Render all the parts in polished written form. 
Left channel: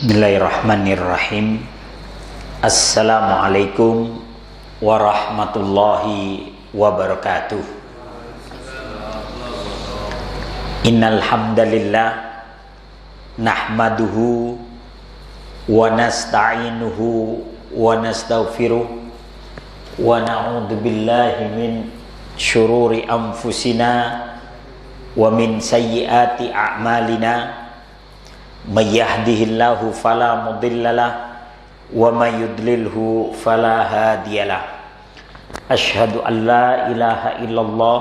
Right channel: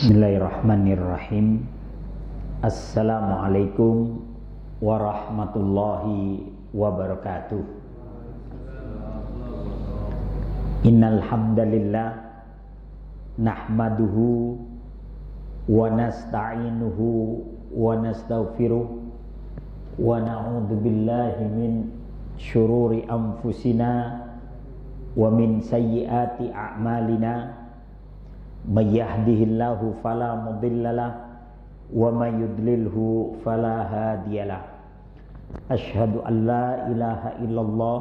Bismillahirrahmanirrahim. Assalamualaikum warahmatullahi wabarakatuh. Innal hamdalillah nahmaduhu wa nasta'inuhu wa nastaghfiruh wa na'udzu billahi min syururi anfusina wa min sayyiati a'malina. May yahdihillahu fala mudhillalah wa may yudlilhu fala hadiyalah. Asyhadu an la ilaha illallah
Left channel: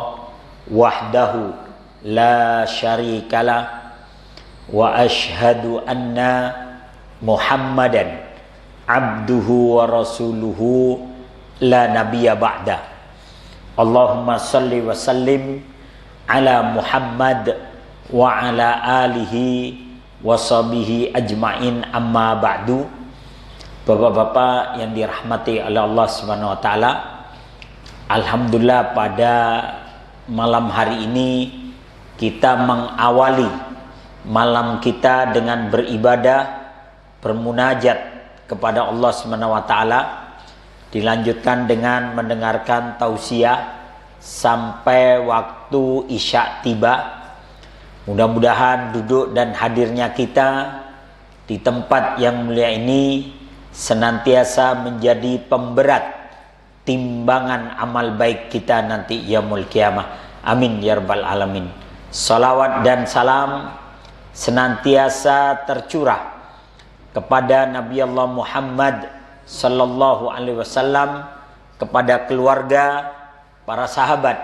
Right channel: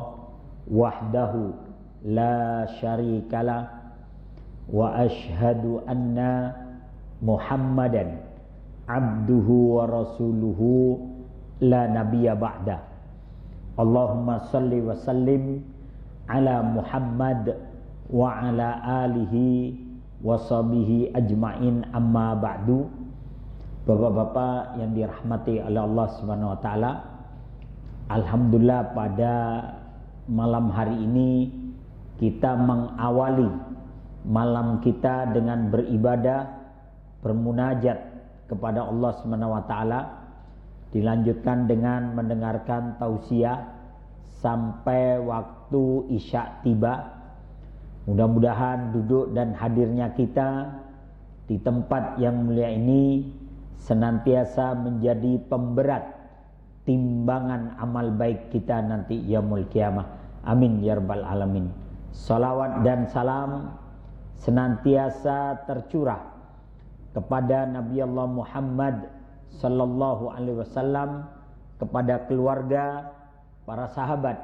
wahdahu la syarikalah wa asyhadu anna Muhammadan abduhu wa rasuluhu la nabiyya ba'da. Allahumma salli wa sallim ala Muhammad wa ala alihi washabihi ajmain, amma ba'du. Bapak-bapak yang dirahmati oleh Allah Subhanahu wa taala, alhamdulillah pada malam hari ini kita mengawali malam kita dengan beribadah, bermunajat kepada Allah Subhanahu wa taala, dilanjutkan dengan mendengarkan tausiah sampai waktu isya tiba. Mudah-mudahan duduk dan hadirnya kita di tempat yang mulia ini senantiasa menjadi pemberat timbangan amal baik kita nanti yaumul qiyamah. Amin ya rabbal alamin. Salawat dan salam senantiasa tercurah kepada Nabi Allah Muhammad sallallahu alaihi wasallam, kepada keluarga, para sahabat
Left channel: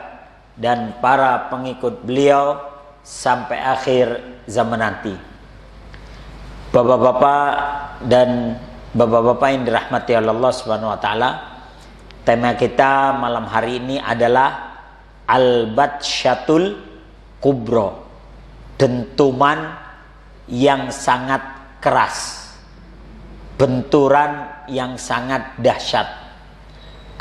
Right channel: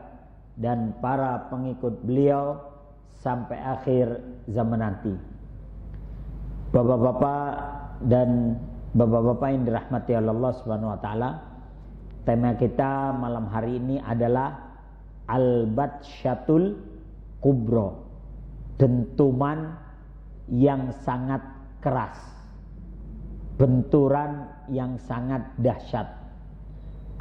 dan para pengikut beliau sampai akhir zaman nanti. Bapak-bapak dan bapak-bapak yang dirahmati oleh Allah Subhanahu wa taala, tema kita malam hari ini adalah al-batsyatul kubra, dentuman yang sangat keras, benturan yang sangat dahsyat.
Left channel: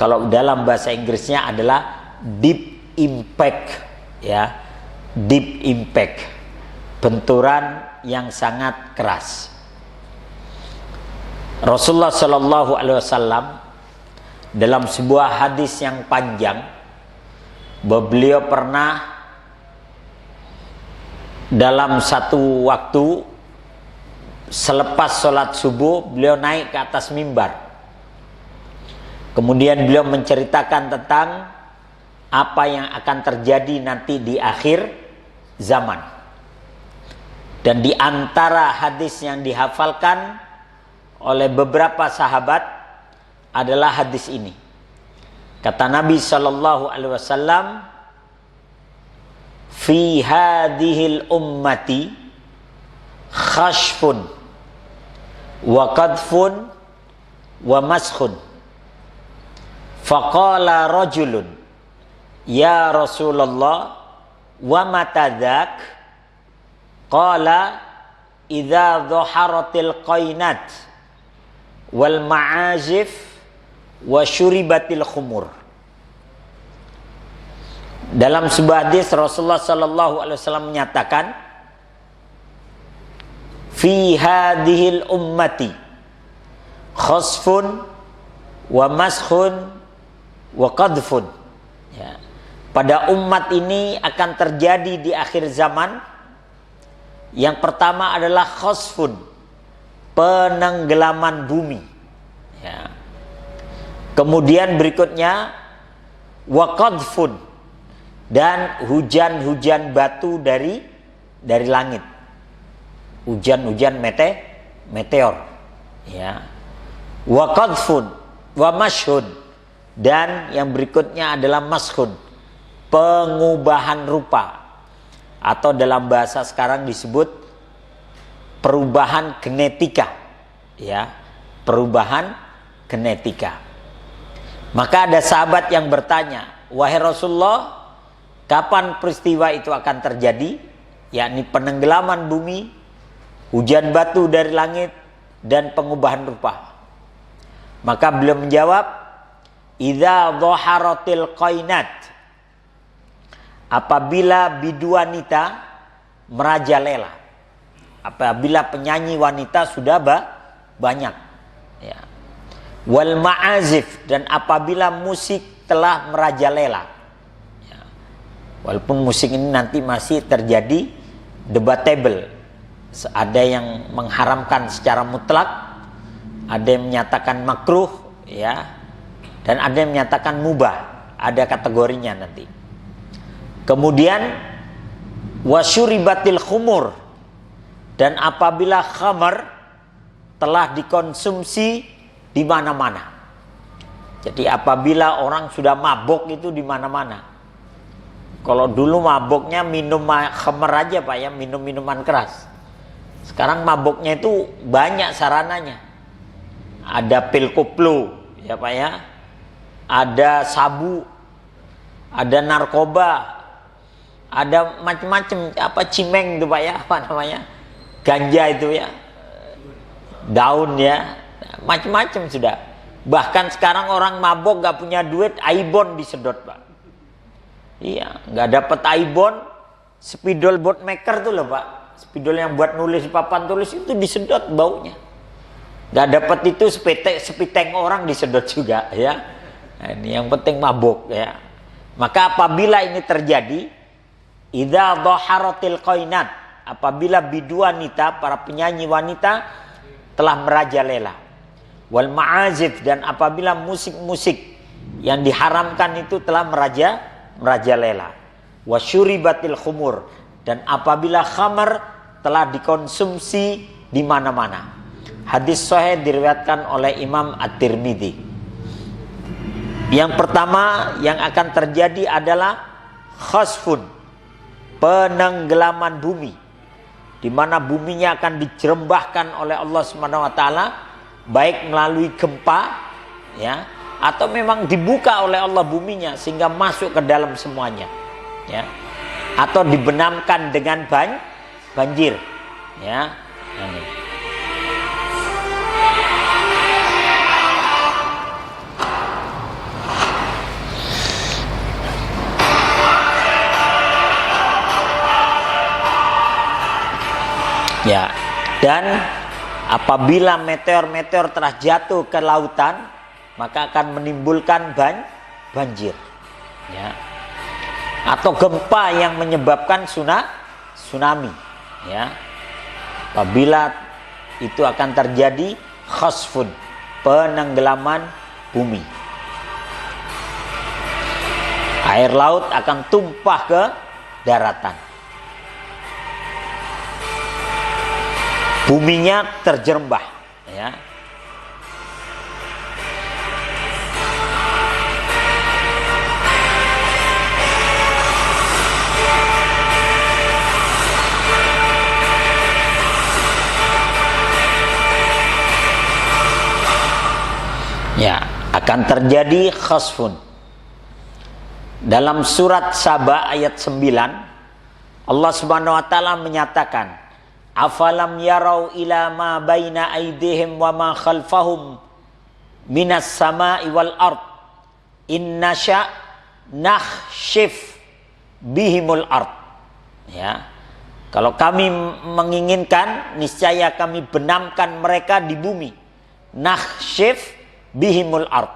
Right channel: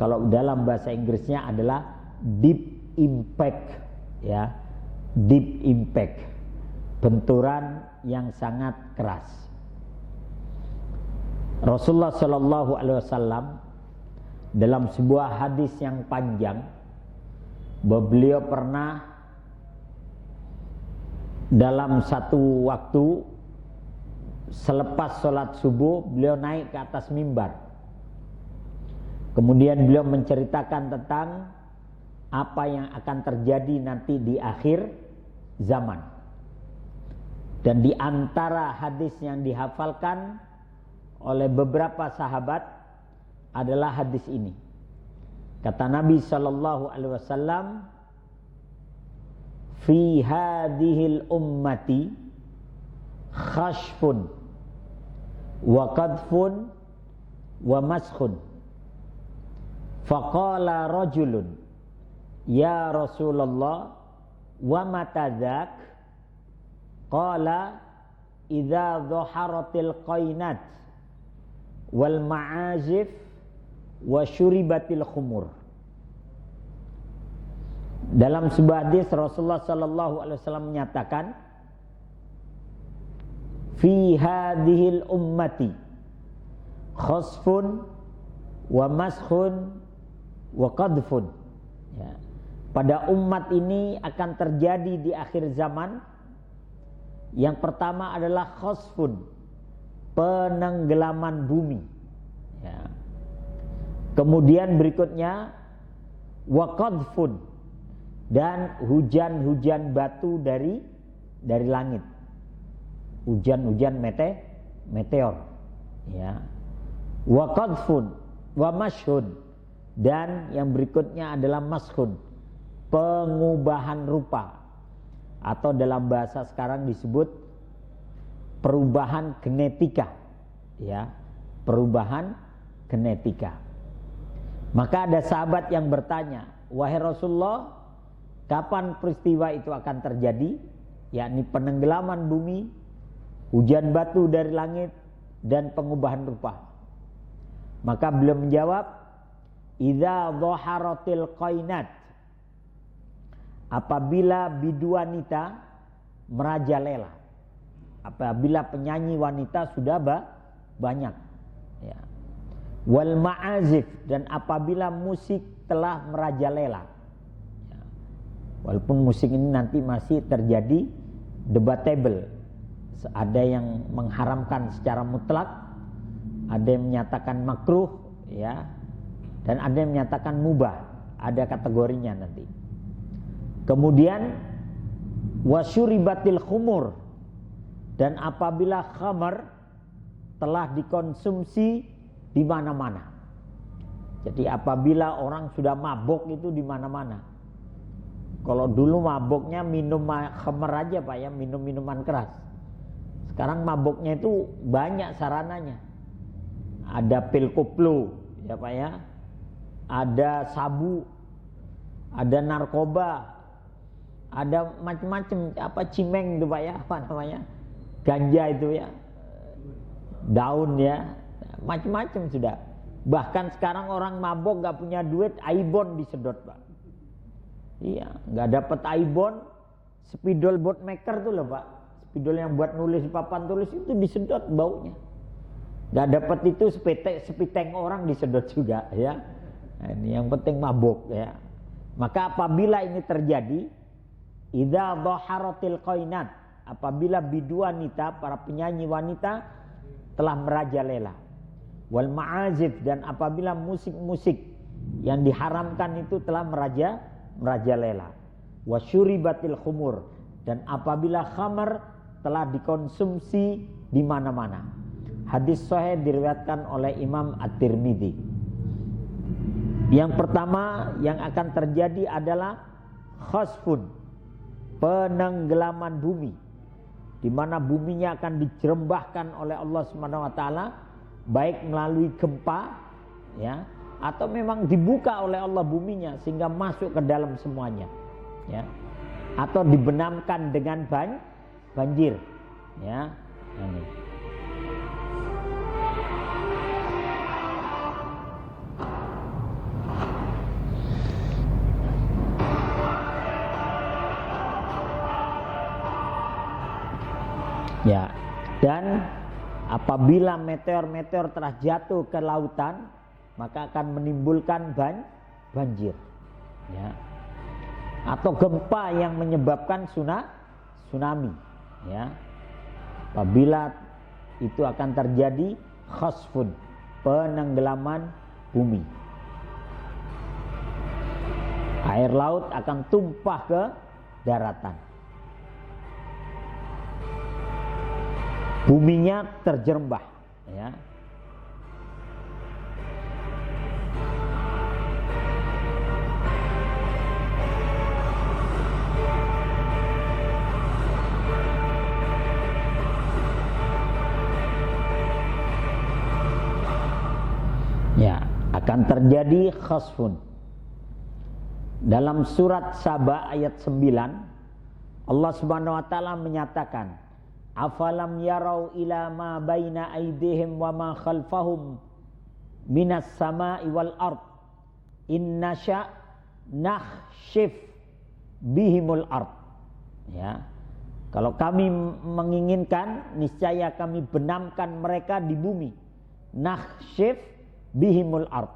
Kalau dalam bahasa Inggrisnya adalah deep impact, ya. Deep impact, benturan yang sangat keras. Rasulullah Shallallahu Alaihi Wasallam dalam sebuah hadis yang panjang, beliau pernah dalam satu waktu selepas sholat subuh beliau naik ke atas mimbar. Kemudian beliau menceritakan tentang apa yang akan terjadi nanti di akhir zaman. Dan di antara hadis yang dihafalkan oleh beberapa sahabat adalah hadis ini. Kata Nabi sallallahu alaihi wasallam, "Fi hadhil ummati khashfun wa qadfun wa maskhun." Faqala rajulun, "Ya Rasulullah, wa mata dzak?" Qala, "Idza dhaharatil qainat wal ma'azif wa syuribatil khumur." Dalam sebuah hadis Rasulullah sallallahu alaihi wasallam menyatakan, "Fi hadhil ummati khasfun wa maskhun wa qadfun." Ya. Pada umat ini akan terjadi di akhir zaman. Yang pertama adalah khasfun, penenggelaman bumi. Ya. Kemudian berikutnya waqadfun, dan hujan-hujan batu dari langit. Hujan-hujan meteor. Ya. Waqadfun wa mashhun, dan yang berikutnya adalah mashhun, pengubahan rupa, atau dalam bahasa sekarang disebut perubahan genetika, ya, perubahan genetika. Maka ada sahabat yang bertanya, "Wahai Rasulullah, kapan peristiwa itu akan terjadi?" Yakni penenggelaman bumi, hujan batu dari langit, dan pengubahan rupa. Maka beliau menjawab, "Idza dhaharatil qainat," apabila biduanita merajalela. apabila penyanyi wanita sudah banyak, ya. Wal ma'azif, dan apabila musik telah merajalela, ya. Walaupun musik ini nanti masih terjadi debatable, ada yang mengharamkan secara mutlak, ada yang menyatakan makruh, ya, dan ada yang menyatakan mubah, ada kategorinya nanti. Kemudian wasyuribatil khumur, dan apabila khamar telah dikonsumsi di mana-mana. Jadi apabila orang sudah mabok itu di mana-mana. Kalau dulu maboknya minum khamar aja Pak ya, minum minuman keras. Sekarang maboknya itu banyak sarananya. Ada pil koplo ya Pak ya. Ada sabu, ada narkoba, ada macam-macam, apa cimeng itu Pak ya, apa namanya? Ganja itu ya. Daun ya. Macam-macam sudah. Bahkan sekarang orang mabok gak punya duit, Aibon disedot Pak. Iya, gak dapat Aibon, spidol bootmaker tuh loh Pak. Spidol yang buat nulis papan tulis itu disedot baunya. Gak dapat itu sepiteng orang disedot juga ya. Nah, ini yang penting mabok ya. Maka apabila ini terjadi, idza dhaharatil qainat, apabila bidu wanita, para penyanyi wanita telah merajalela. Wal ma'azif, dan apabila musik-musik yang diharamkan itu telah merajalela. Wasyuribatil khumur, dan apabila khamar telah dikonsumsi di mana-mana. Hadis sahih diriwayatkan oleh Imam At-Tirmidzi. Yang pertama yang akan terjadi adalah khasfun, penenggelaman bumi, di mana buminya akan dijerembahkan oleh Allah Subhanahu wa taala, baik melalui gempa ya, atau memang dibuka oleh Allah buminya sehingga masuk ke dalam semuanya ya, atau dibenamkan dengan banjir ya. Ini. Ya, dan apabila meteor-meteor telah jatuh ke lautan, maka akan menimbulkan banjir ya. Atau gempa yang menyebabkan tsunami ya. Apabila itu akan terjadi khasfun, penenggelaman bumi. Air laut akan tumpah ke daratan. Buminya terjerembah ya. Ya, akan terjadi khasfun. Dalam surat Saba ayat 9, Allah Subhanahu wa taala menyatakan, afalam yarau ila ma baina aydihim wa ma khalfahum minas sama'i wal ard inna sya nakhshif bihimul ard ya. Kalau kami menginginkan, niscaya kami benamkan mereka di bumi. Nakhshif bihimul ard.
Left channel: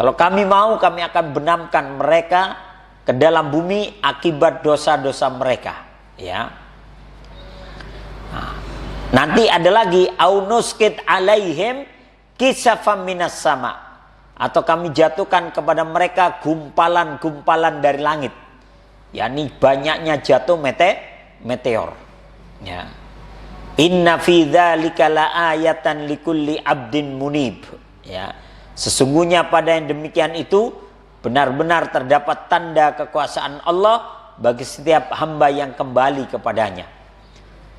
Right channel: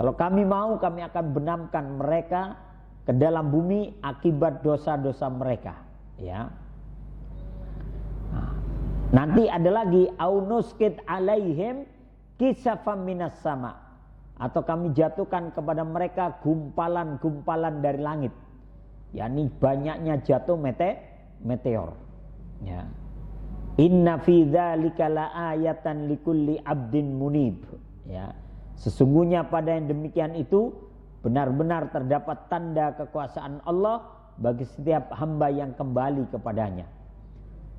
Kalau kami mau, kami akan benamkan mereka ke dalam bumi akibat dosa-dosa mereka ya. Nanti ada lagi aunuskit alaihim kisafam minas sama, atau kami jatuhkan kepada mereka gumpalan-gumpalan dari langit, yakni banyaknya jatuh meteor ya. Inna fi dzalika laayatan likulli abdin munib ya. Sesungguhnya pada yang demikian itu benar-benar terdapat tanda kekuasaan Allah bagi setiap hamba yang kembali kepadanya.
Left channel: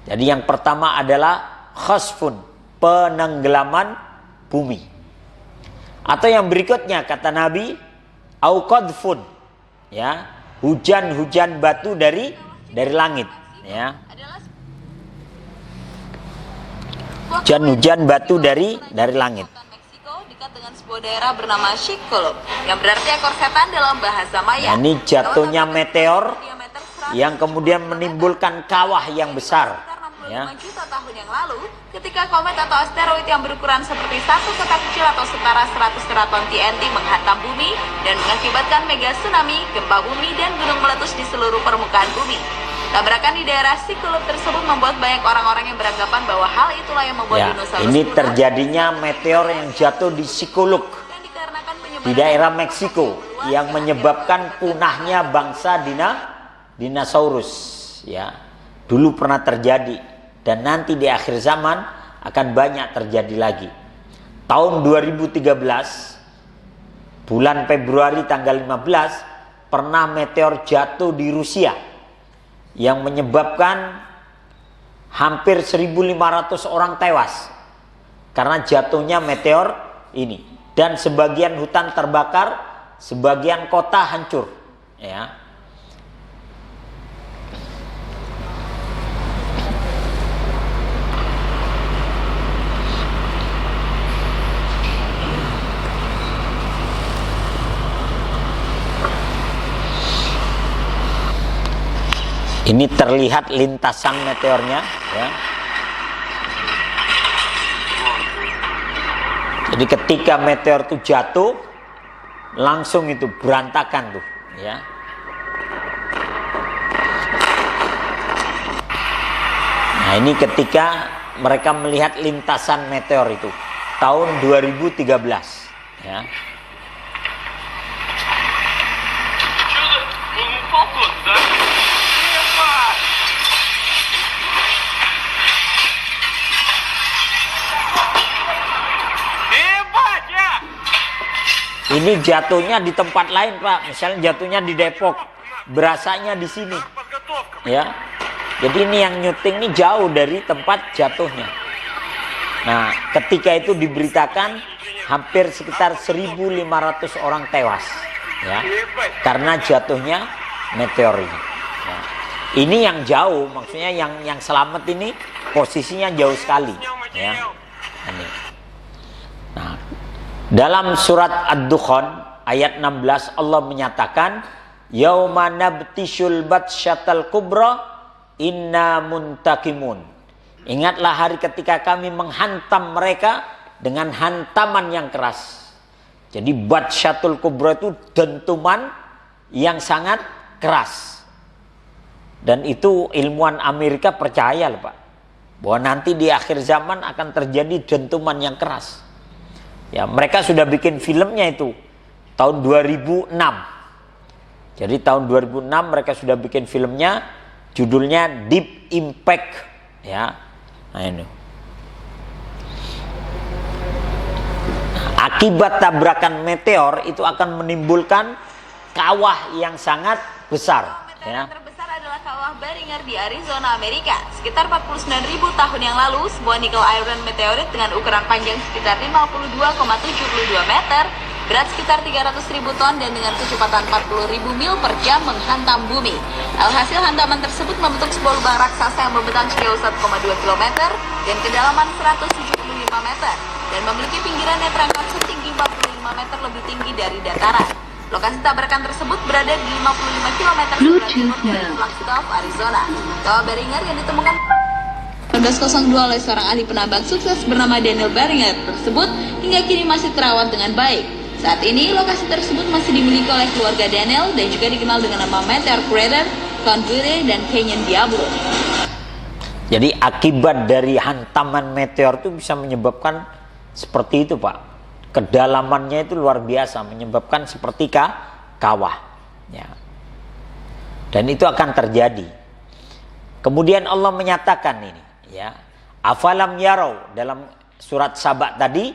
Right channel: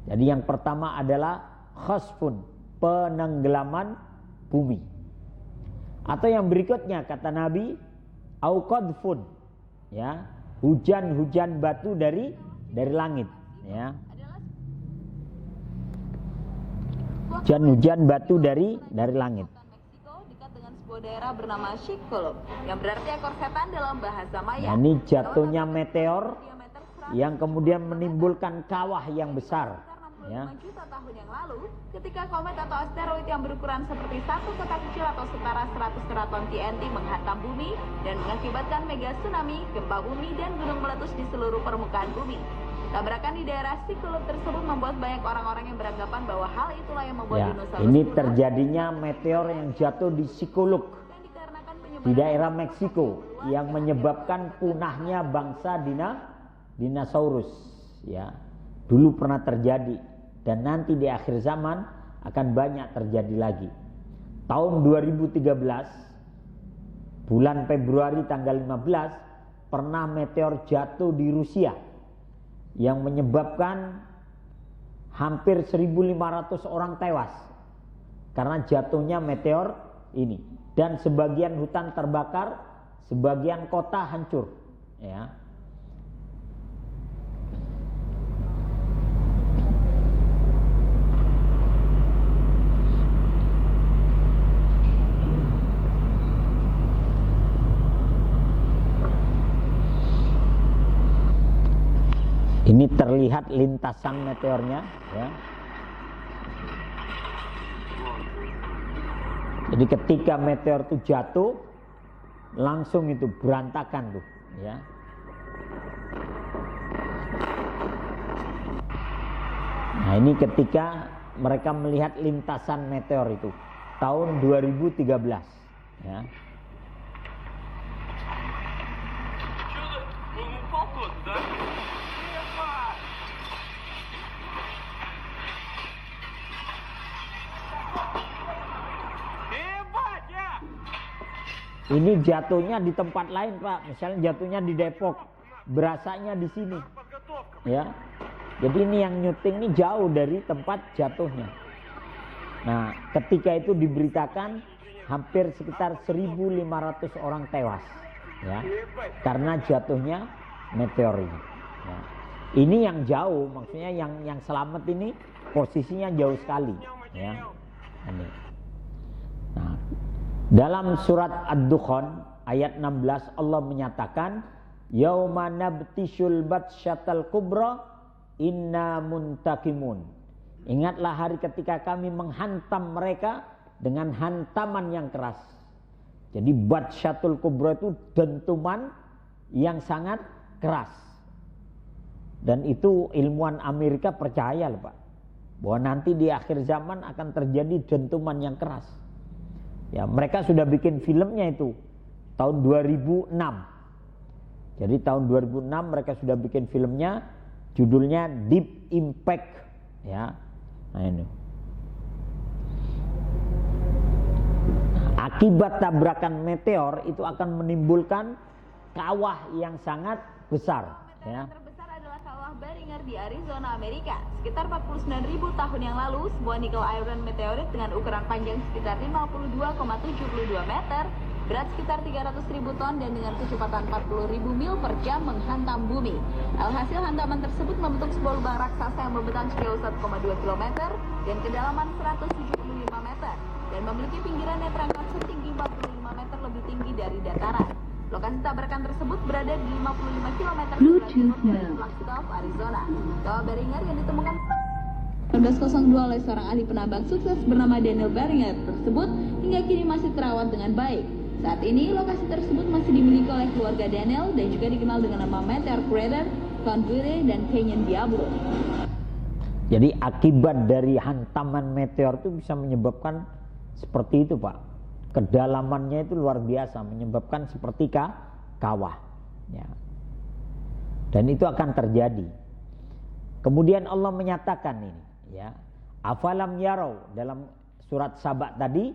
Jadi yang pertama adalah khasfun, penenggelaman bumi. Atau yang berikutnya kata Nabi, au qadfun ya, hujan-hujan batu dari langit ya. Hujan-hujan batu dari langit. Meksiko dekat dengan sebuah daerah bernama Chicxulub, yang berarti ekor setan dalam bahasa Maya. Nah, ini jatuhnya meteor yang kemudian menimbulkan kawah yang besar ya. juta tahun yang lalu, ketika komet atau asteroid yang berukuran seperti satu kotak kecil atau setara 100 teraton TNT menghantam bumi dan mengakibatkan mega tsunami, gempa bumi, dan gunung meletus di seluruh permukaan bumi. Tabrakan di daerah Chicxulub tersebut membuat banyak orang-orang yang beranggapan bahwa hal itulah yang membuat Ya, dinosaurus ini punah. terjadinya meteor yang jatuh di Chicxulub Dan dikarenakan di penyebaran daerah Meksiko yang menyebabkan punahnya bangsa dinosaurus, ya. Dulu pernah terjadi dan nanti di akhir zaman akan banyak terjadi lagi. Tahun 2013 bulan Februari tanggal 15 pernah meteor jatuh di Rusia yang menyebabkan hampir 1.500 orang tewas karena jatuhnya meteor ini, dan sebagian hutan terbakar, sebagian kota hancur, ya. Ini terlihat lintasan meteornya, ya. Jadi ketika meteor itu jatuh, langsung itu berantakan tuh, ya. Nah, ini ketika mereka melihat lintasan meteor itu tahun 2013, ya. Ini jatuhnya di tempat lain, Pak. Misalnya jatuhnya di Depok, berasanya di sini, ya. Jadi ini yang nyuting ini jauh dari tempat jatuhnya. Nah, ketika itu diberitakan hampir sekitar 1.500 orang tewas, ya, karena jatuhnya meteor ini. Ya. Ini yang jauh, maksudnya yang selamat ini posisinya jauh sekali, ya. Ini. Nah, dalam surat Ad-Dukhan ayat 16 Allah menyatakan, yauma nabtishul batsyatal kubra inna muntakimun. Ingatlah hari ketika kami menghantam mereka dengan hantaman yang keras. Jadi batsyatul kubra itu dentuman yang sangat keras. Dan itu ilmuwan Amerika percaya loh, Pak, bahwa nanti di akhir zaman akan terjadi dentuman yang keras. Ya, mereka sudah bikin filmnya itu tahun 2006. Jadi tahun 2006 mereka sudah bikin filmnya, judulnya Deep Impact, ya. Nah, ini. Akibat tabrakan meteor itu akan menimbulkan kawah yang sangat besar, ya. Terbesar adalah kawah Beringer di Arizona, Amerika. Sekitar 49.000 tahun yang lalu, sebuah nickel iron meteorit dengan ukuran panjang sekitar 52,72 meter, berat sekitar 300.000 ton dan dengan kecepatan 40.000 mil per jam menghantam bumi. Alhasil hantaman tersebut membentuk sebuah lubang raksasa yang membentang sejauh 1,2 km dan kedalaman 175 meter dan memiliki pinggiran yang terangkat setinggi 45 meter lebih tinggi dari dataran. Lokasi tabrakan tersebut berada di 55 km sebelah timur dari Flagstaff, Arizona. Kawah Beringer yang ditemukan 1902 oleh seorang ahli penambang sukses bernama Daniel Beringer tersebut hingga kini masih terawat dengan baik. Saat ini lokasi tersebut masih dimiliki oleh keluarga Daniel dan juga dikenal dengan nama Meteor Crater, Count Butte, dan Canyon Diablo. Jadi akibat dari hantaman meteor itu bisa menyebabkan seperti itu, Pak. Kedalamannya itu luar biasa, menyebabkan seperti kawah, ya. Dan itu akan terjadi. Kemudian Allah menyatakan ini, ya, afalam yarau dalam surat Saba tadi,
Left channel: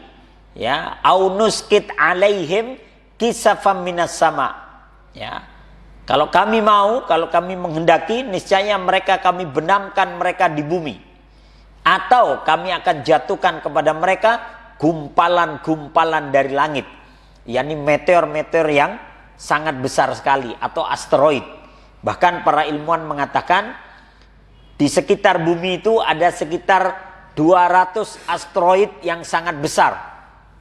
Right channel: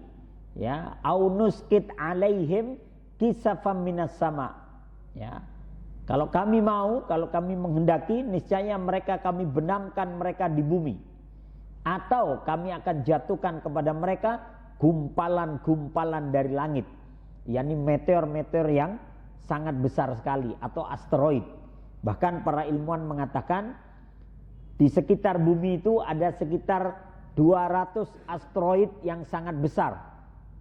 ya, aunuskit alaihim kisafam minas sama, ya. Kalau kami mau, kalau kami menghendaki, niscaya mereka kami benamkan mereka di bumi, atau kami akan jatuhkan kepada mereka gumpalan-gumpalan dari langit, yakni meteor-meteor yang sangat besar sekali atau asteroid. Bahkan para ilmuwan mengatakan di sekitar bumi itu ada sekitar 200 asteroid yang sangat besar,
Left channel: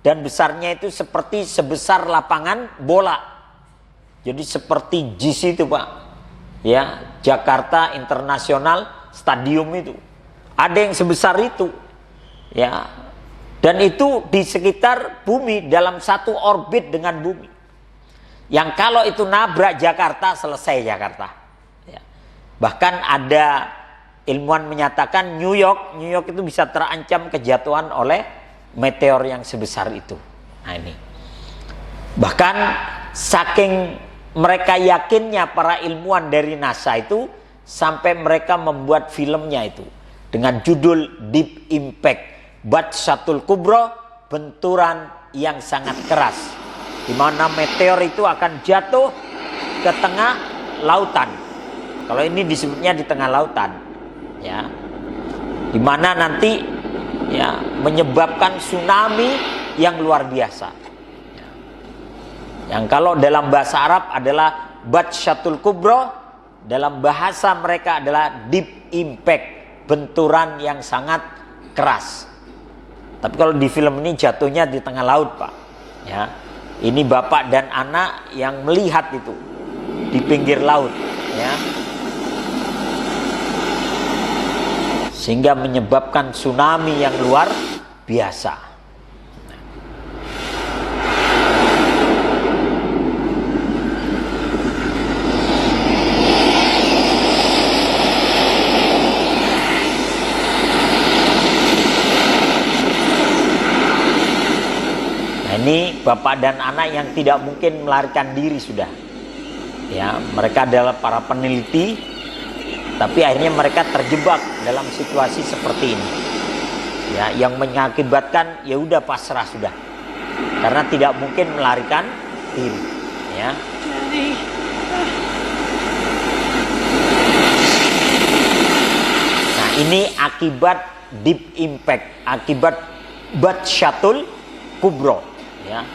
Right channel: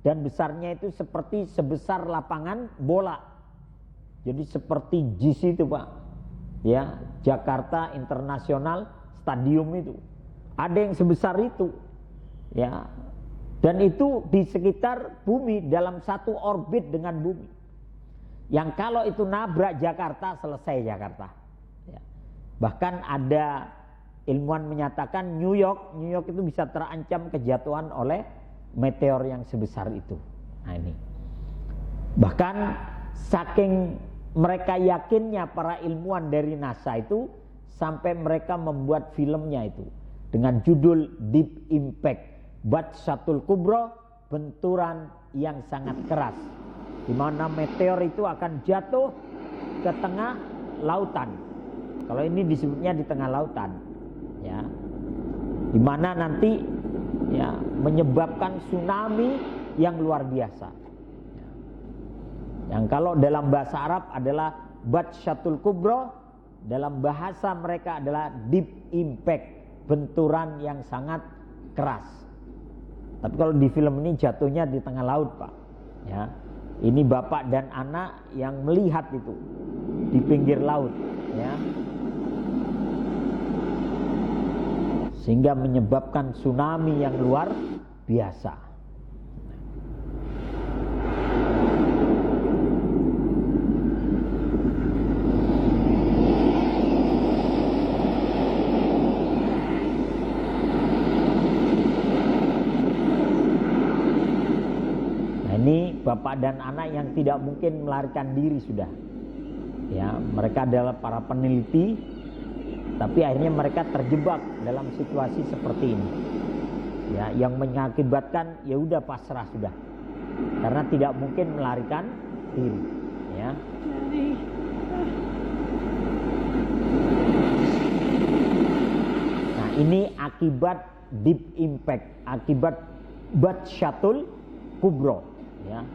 dan besarnya itu seperti sebesar lapangan bola. Jadi seperti JIS itu, Pak, ya, Jakarta International Stadium itu Ada yang sebesar itu, ya. Dan itu di sekitar bumi, dalam satu orbit dengan bumi. Yang kalau itu nabrak Jakarta, selesai Jakarta. Ya. Bahkan ada ilmuwan menyatakan New York itu bisa terancam kejatuhan oleh meteor yang sebesar itu. Nah ini. Bahkan saking mereka yakinnya para ilmuwan dari NASA itu, sampai mereka membuat filmnya itu dengan judul Deep Impact, Batsyatul Kubro, benturan yang sangat keras, di mana meteor itu akan jatuh ke tengah lautan. Kalau ini disebutnya di tengah lautan, ya, di mana nanti ya menyebabkan tsunami yang luar biasa. Yang kalau dalam bahasa Arab adalah Batsyatul Kubro, dalam bahasa mereka adalah Deep Impact, benturan yang sangat keras. Tapi kalau di film ini jatuhnya di tengah laut, Pak. Ya, ini bapak dan anak yang melihat itu di pinggir laut, ya, sehingga menyebabkan tsunami yang luar biasa. Ini bapak dan anak yang tidak mungkin melarikan diri sudah. Ya, mereka adalah para peneliti, tapi akhirnya mereka terjebak dalam situasi seperti ini. Ya, yang mengakibatkan ya udah pasrah sudah. Karena tidak mungkin melarikan diri, ya. Nah, ini akibat Deep Impact, akibat Batsyatul Kubro. Ya,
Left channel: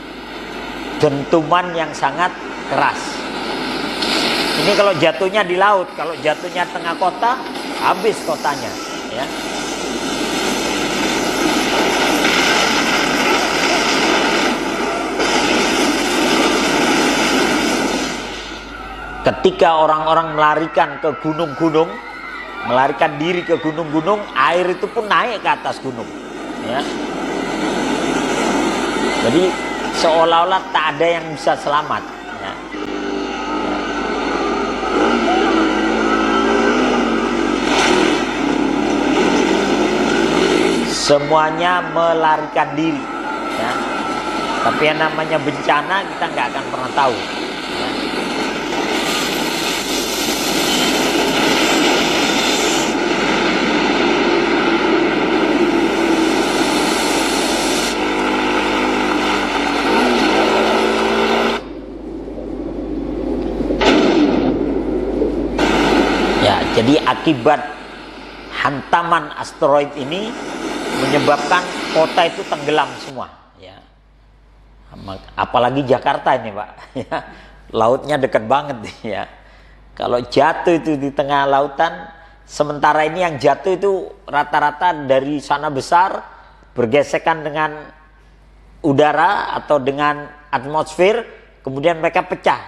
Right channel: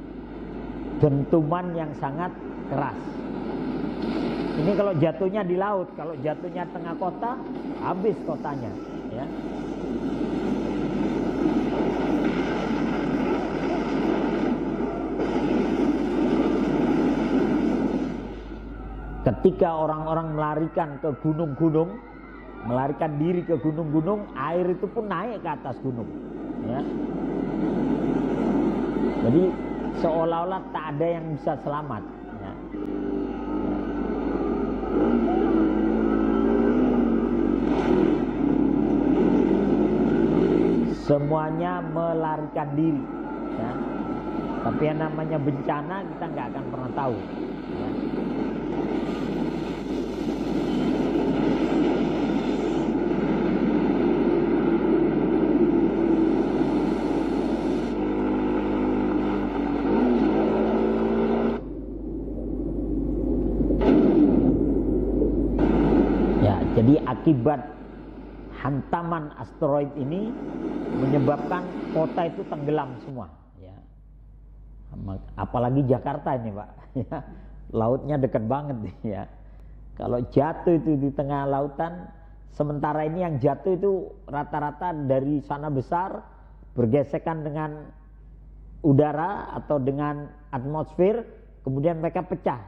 dentuman yang sangat keras. Ini kalau jatuhnya di laut, kalau jatuhnya tengah kota, habis kotanya. Ya. Ketika orang-orang melarikan ke gunung-gunung, melarikan diri ke gunung-gunung, air itu pun naik ke atas gunung. Ya. Jadi seolah-olah tak ada yang bisa selamat. Ya. Semuanya melarikan diri. Ya. Tapi yang namanya bencana kita nggak akan pernah tahu. Ya. Jadi akibat hantaman asteroid ini menyebabkan kota itu tenggelam semua. Ya. Apalagi Jakarta ini, Pak. Ya. Lautnya dekat banget, ya. Kalau jatuh itu di tengah lautan, sementara ini yang jatuh itu rata-rata dari sana besar bergesekan dengan udara atau dengan atmosfer, kemudian mereka pecah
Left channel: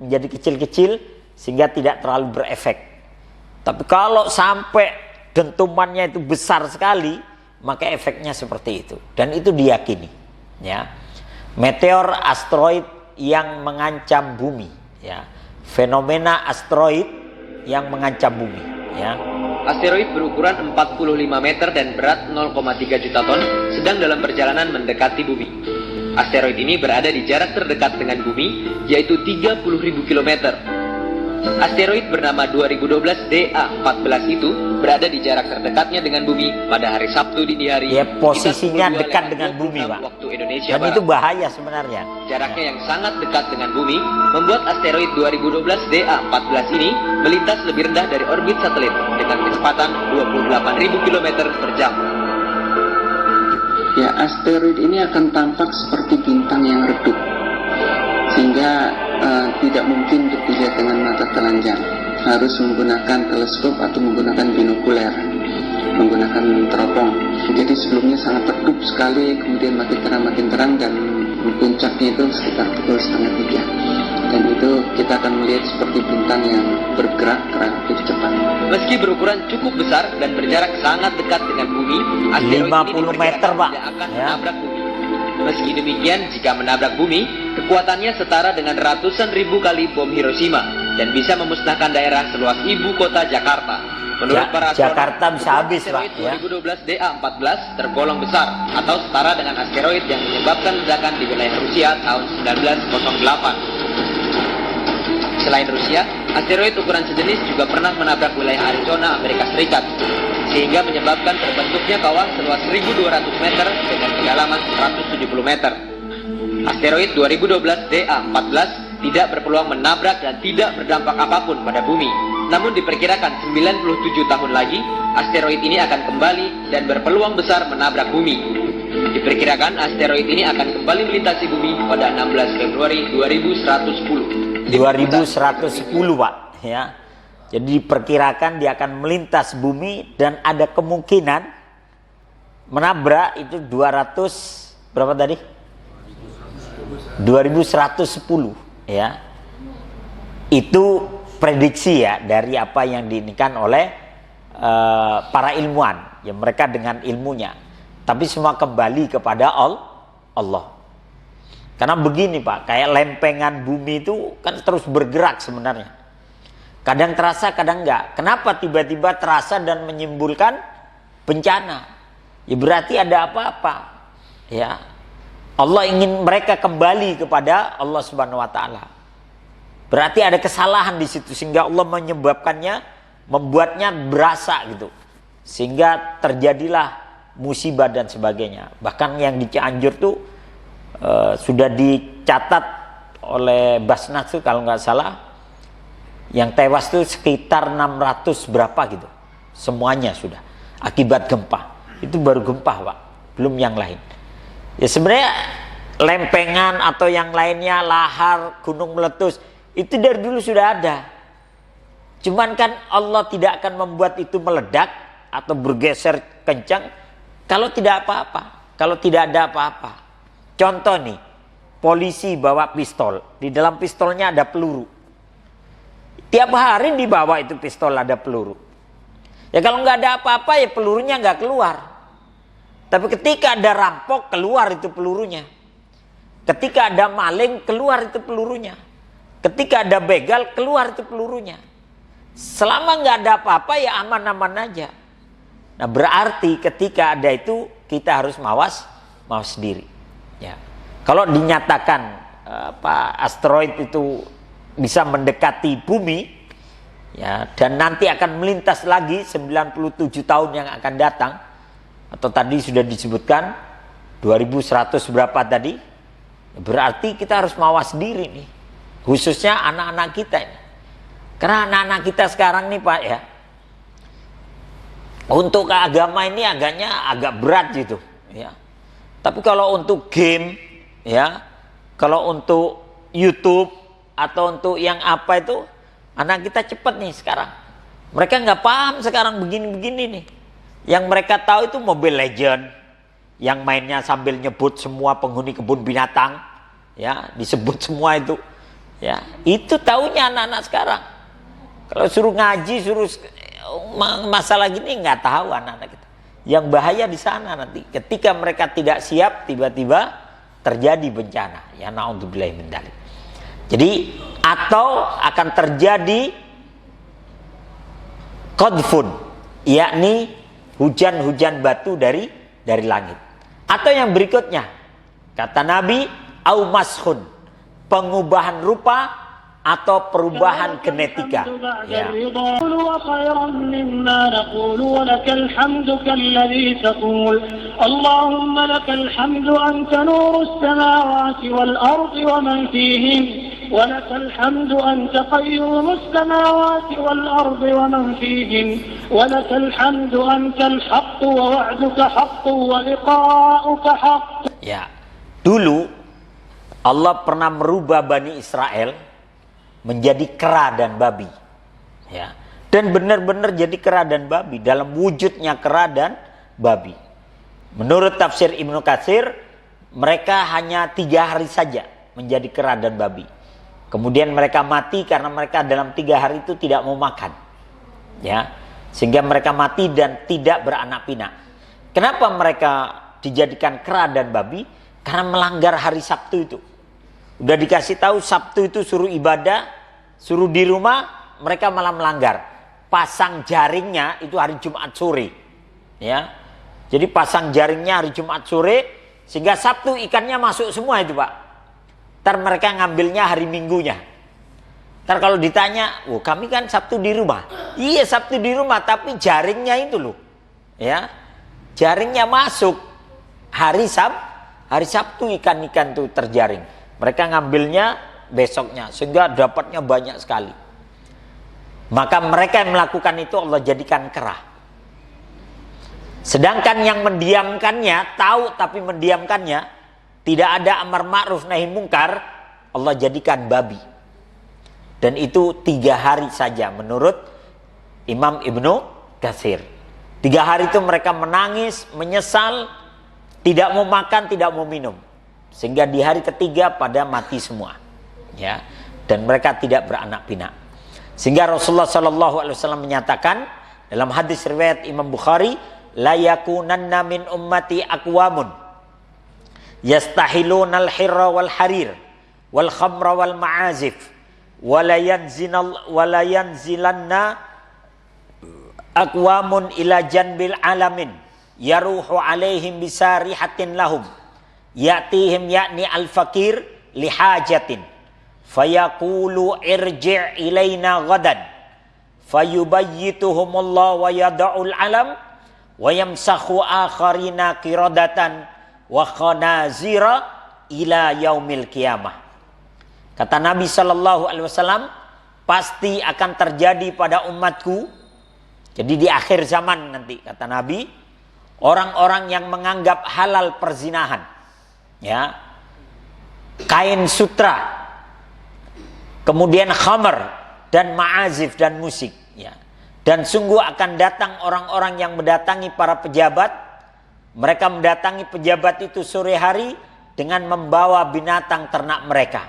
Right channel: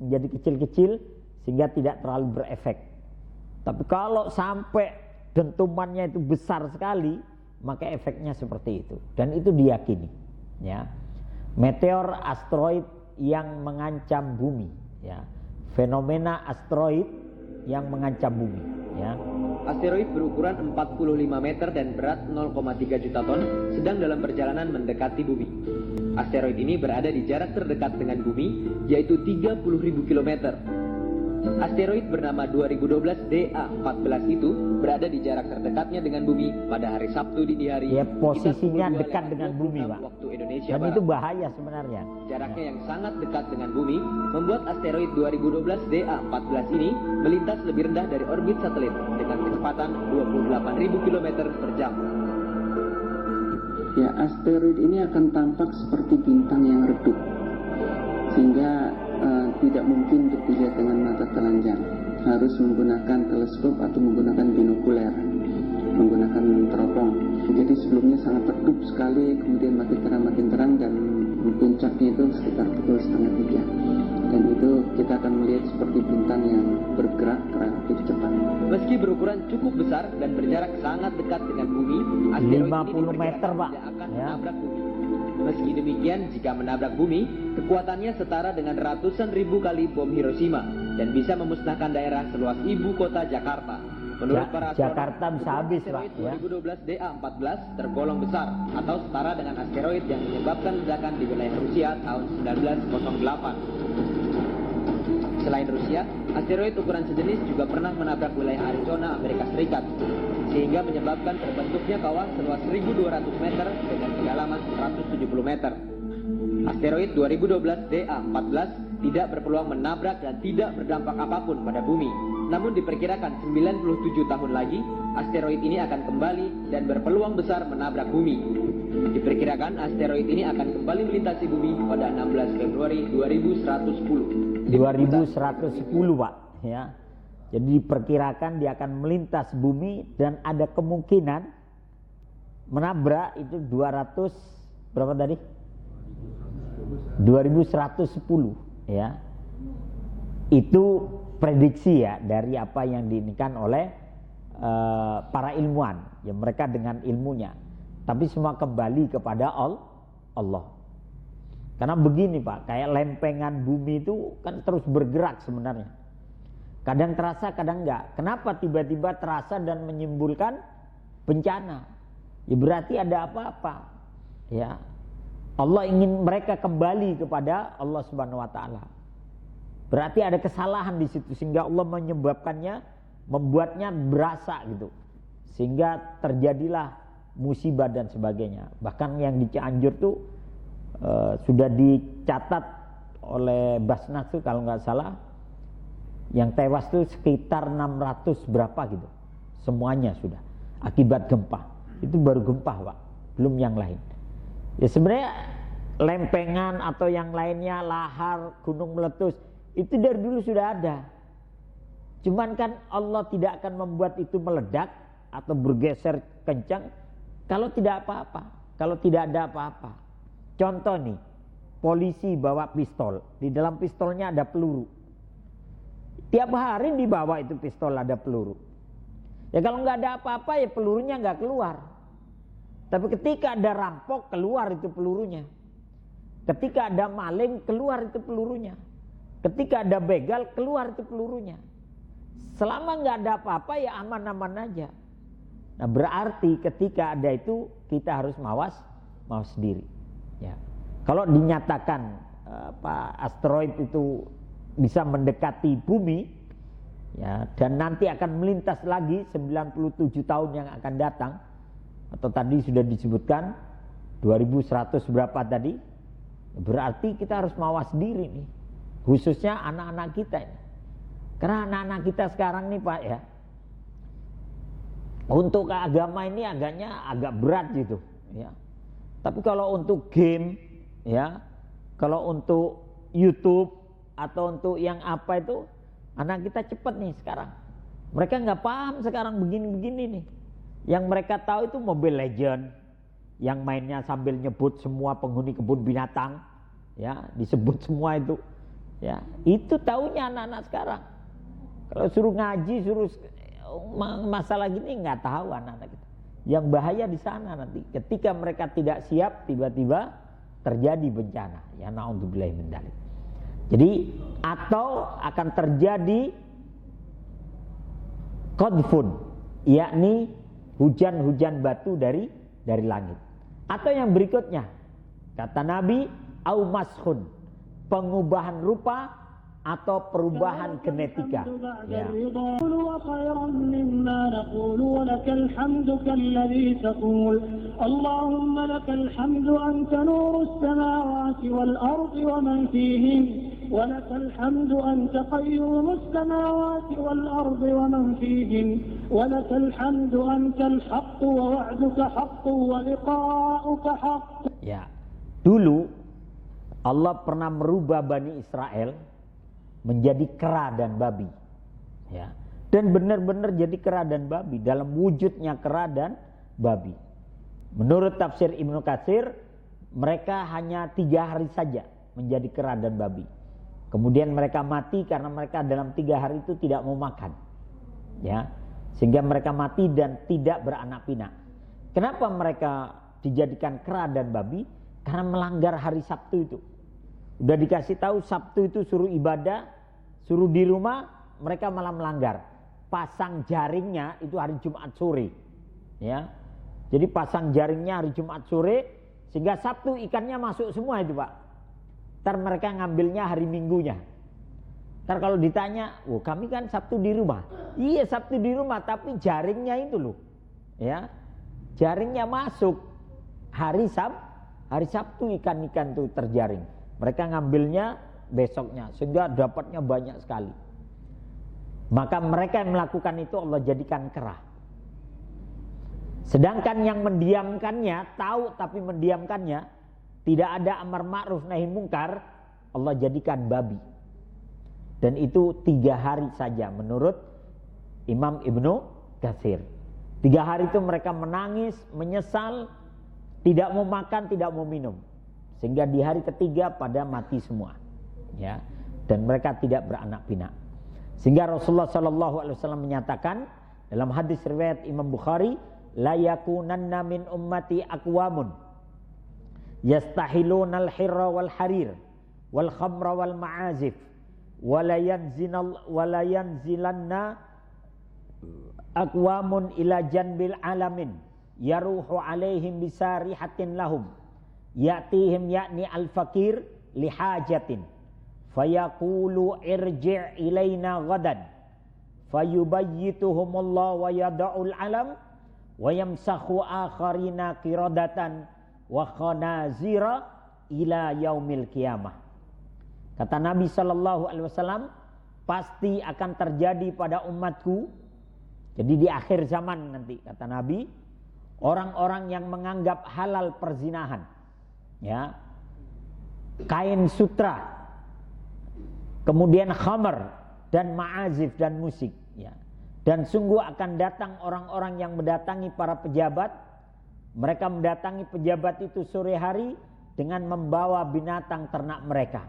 menjadi kecil-kecil sehingga tidak terlalu berefek. Tapi kalau sampai dentumannya itu besar sekali, maka efeknya seperti itu. Dan itu diyakini, ya. Meteor asteroid yang mengancam bumi, ya. Fenomena asteroid yang mengancam bumi, ya. Asteroid berukuran 45 meter dan berat 0,3 juta ton sedang dalam perjalanan mendekati bumi. Asteroid ini berada di jarak terdekat dengan bumi, yaitu 30.000 km. Asteroid bernama 2012 DA14 itu berada di jarak terdekatnya dengan bumi pada hari Sabtu dini hari. Ya, posisinya dekat dengan bumi, Pak. Waktu Indonesia Dan Barat. itu bahaya sebenarnya. Jaraknya yang sangat dekat dengan bumi membuat asteroid 2012 DA14 ini melintas lebih rendah dari orbit satelit dengan kecepatan 28.000 km per jam. Ya, asteroid ini akan tampak seperti bintang yang redup, sehingga tidak mungkin untuk dilihat dengan mata telanjang. Harus menggunakan teleskop atau menggunakan binokuler, menggunakan teropong. Jadi sebelumnya sangat redup sekali, kemudian makin terang dan puncaknya itu sekitar pukul 2:30. Dan itu kita akan melihat seperti bintang yang bergerak relatif cepat. Meski berukuran cukup besar dan berjarak sangat dekat dengan bumi, asteroid ini 50 meter, Pak. tidak akan Ya. menabrak bumi. Meski demikian, jika menabrak bumi, kekuatannya setara dengan ratusan ribu kali bom Hiroshima dan bisa memusnahkan daerah seluas ibu kota Jakarta. Menurut para astronom, Jakarta bisa habis, Pak, asteroid ya. 2012 DA14 tergolong besar atau setara dengan asteroid yang menyebabkan ledakan di wilayah Rusia tahun 1908. Selain Rusia, asteroid ukuran sejenis juga pernah menabrak wilayah Arizona, Amerika Serikat, sehingga menyebabkan terbentuknya kawah seluas 1.200 meter dengan kedalaman 170 meter. Asteroid 2012 DA14 tidak berpeluang menabrak dan tidak berdampak apapun pada bumi. Namun diperkirakan 97 tahun lagi, asteroid ini akan kembali dan berpeluang besar menabrak bumi. Diperkirakan asteroid ini akan kembali melintasi bumi pada 16 Februari 2110. 2110, Pak, ya. Jadi diperkirakan dia akan melintas bumi dan ada kemungkinan menabrak itu 200 berapa tadi? 2110, ya. Itu prediksi ya dari apa yang diinikan oleh para ilmuwan, ya mereka dengan ilmunya. Tapi semua kembali kepada Allah. Karena begini, Pak, kayak lempengan bumi itu kan terus bergerak sebenarnya. Kadang terasa, kadang enggak. Kenapa tiba-tiba terasa dan menimbulkan bencana? Ya berarti ada apa-apa. Ya. Allah ingin mereka kembali kepada Allah Subhanahu wa taala. Berarti ada kesalahan di situ sehingga Allah menyebabkannya, membuatnya berasa gitu. Sehingga terjadilah musibah dan sebagainya. Bahkan yang di Cianjur tuh sudah dicatat oleh Basnas tuh kalau nggak salah, yang tewas tuh sekitar 600 berapa gitu. Semuanya sudah akibat gempa. Itu baru gempa, Pak, belum yang lain. Ya sebenarnya lempengan atau yang lainnya, lahar, gunung meletus, itu dari dulu sudah ada. Cuman kan Allah tidak akan membuat itu meledak atau bergeser kencang kalau tidak apa-apa, kalau tidak ada apa-apa. Contoh nih, polisi bawa pistol, di dalam pistolnya ada peluru. Tiap hari dibawa itu pistol ada peluru. Ya kalau nggak ada apa-apa ya pelurunya nggak keluar. Tapi ketika ada rampok keluar itu pelurunya. Ketika ada maling keluar itu pelurunya. Ketika ada begal keluar itu pelurunya. Selama nggak ada apa-apa ya aman-aman aja. Nah berarti ketika ada itu kita harus mawas diri. Ya. Kalau dinyatakan asteroid itu bisa mendekati bumi, ya, dan nanti akan melintas lagi 97 tahun yang akan datang, atau tadi sudah disebutkan 2100 berapa tadi, berarti kita harus mawas diri nih, khususnya anak-anak kita ini. Karena anak-anak kita sekarang nih, Pak, ya, untuk agama ini agak berat gitu, ya. Tapi kalau untuk game, ya, kalau untuk YouTube atau untuk yang apa itu, anak kita cepat nih sekarang. Mereka nggak paham sekarang begini-begini nih. Yang mereka tahu itu Mobile Legend, yang mainnya sambil nyebut semua penghuni kebun binatang, ya, disebut semua itu, ya, itu taunya anak-anak sekarang. Kalau suruh ngaji, suruh masalah gini nggak tahu anak-anak kita. Yang bahaya di sana nanti ketika mereka tidak siap tiba-tiba terjadi bencana, ya naudzubillahi min dzalik. Jadi atau akan terjadi qadfun, yakni hujan-hujan batu dari langit. Atau yang berikutnya kata Nabi au mashun, pengubahan rupa atau perubahan genetika. Ya. Allahumma lakal hamdu anta nurus samawati wal ardi wa man fihin wa lakal hamdu anta qayyumus samawati wal ardi wa man fihin wa lakal hamdu anta al-haqq wa wa'duka haqq wa liqa'uka haqq. Ya. Dulu Allah pernah merubah Bani Israel menjadi kera dan babi, ya, dan benar-benar jadi kera dan babi, dalam wujudnya kera dan babi. Menurut tafsir Ibnu Katsir, mereka hanya 3 hari saja menjadi kera dan babi. Kemudian mereka mati karena mereka dalam 3 hari itu tidak mau makan. Ya, sehingga mereka mati dan tidak beranak pinak. Kenapa mereka dijadikan kera dan babi? Karena melanggar hari Sabtu itu. Udah dikasih tahu Sabtu itu suruh ibadah, suruh di rumah, mereka malah melanggar. Pasang jaringnya itu hari Jumat sore. Ya. Jadi pasang jaringnya hari Jumat sore, sehingga Sabtu ikannya masuk semua itu, Pak. Ntar mereka ngambilnya hari Minggunya. Ntar kalau ditanya, oh kami kan Sabtu di rumah. Iya Sabtu di rumah, tapi jaringnya itu loh. Ya, jaringnya masuk hari Sabtu ikan-ikan itu terjaring. Mereka ngambilnya besoknya, sehingga dapatnya banyak sekali. Maka mereka yang melakukan itu Allah jadikan kera. Sedangkan yang mendiamkannya, tahu tapi mendiamkannya, tidak ada amar ma'ruf nahi mungkar, Allah jadikan babi. Dan itu 3 hari saja menurut Imam Ibnu Katsir. 3 hari itu mereka menangis, menyesal, tidak mau makan, tidak mau minum. Sehingga di hari ketiga pada mati semua. Ya. Dan mereka tidak beranak pinak. Sehingga Rasulullah SAW menyatakan dalam hadis riwayat Imam Bukhari, la yakunanna min ummati aqwamun yastahiluna al-hirra wal harir wal khamra wal ma'azif wala yanzilanna aqwamun ila janbil alamin yaruhu alaihim bisarihatin lahum ya'tihim ya'ni al-fakir lihajatin fayaqulu irji' ilaina ghadan fayubayyituhumullah wa yada'ul alam wa yamsakhu akharina qiradatan wa khanazira ila yaumil qiyamah. Kata Nabi SAW, pasti akan terjadi pada umatku. Jadi di akhir zaman nanti, kata Nabi, orang-orang yang menganggap halal perzinahan, ya, kain sutra, kemudian khamar dan ma'azif dan musik, ya. Dan sungguh akan datang orang-orang yang mendatangi para pejabat. Mereka mendatangi pejabat itu sore hari dengan membawa binatang ternak mereka.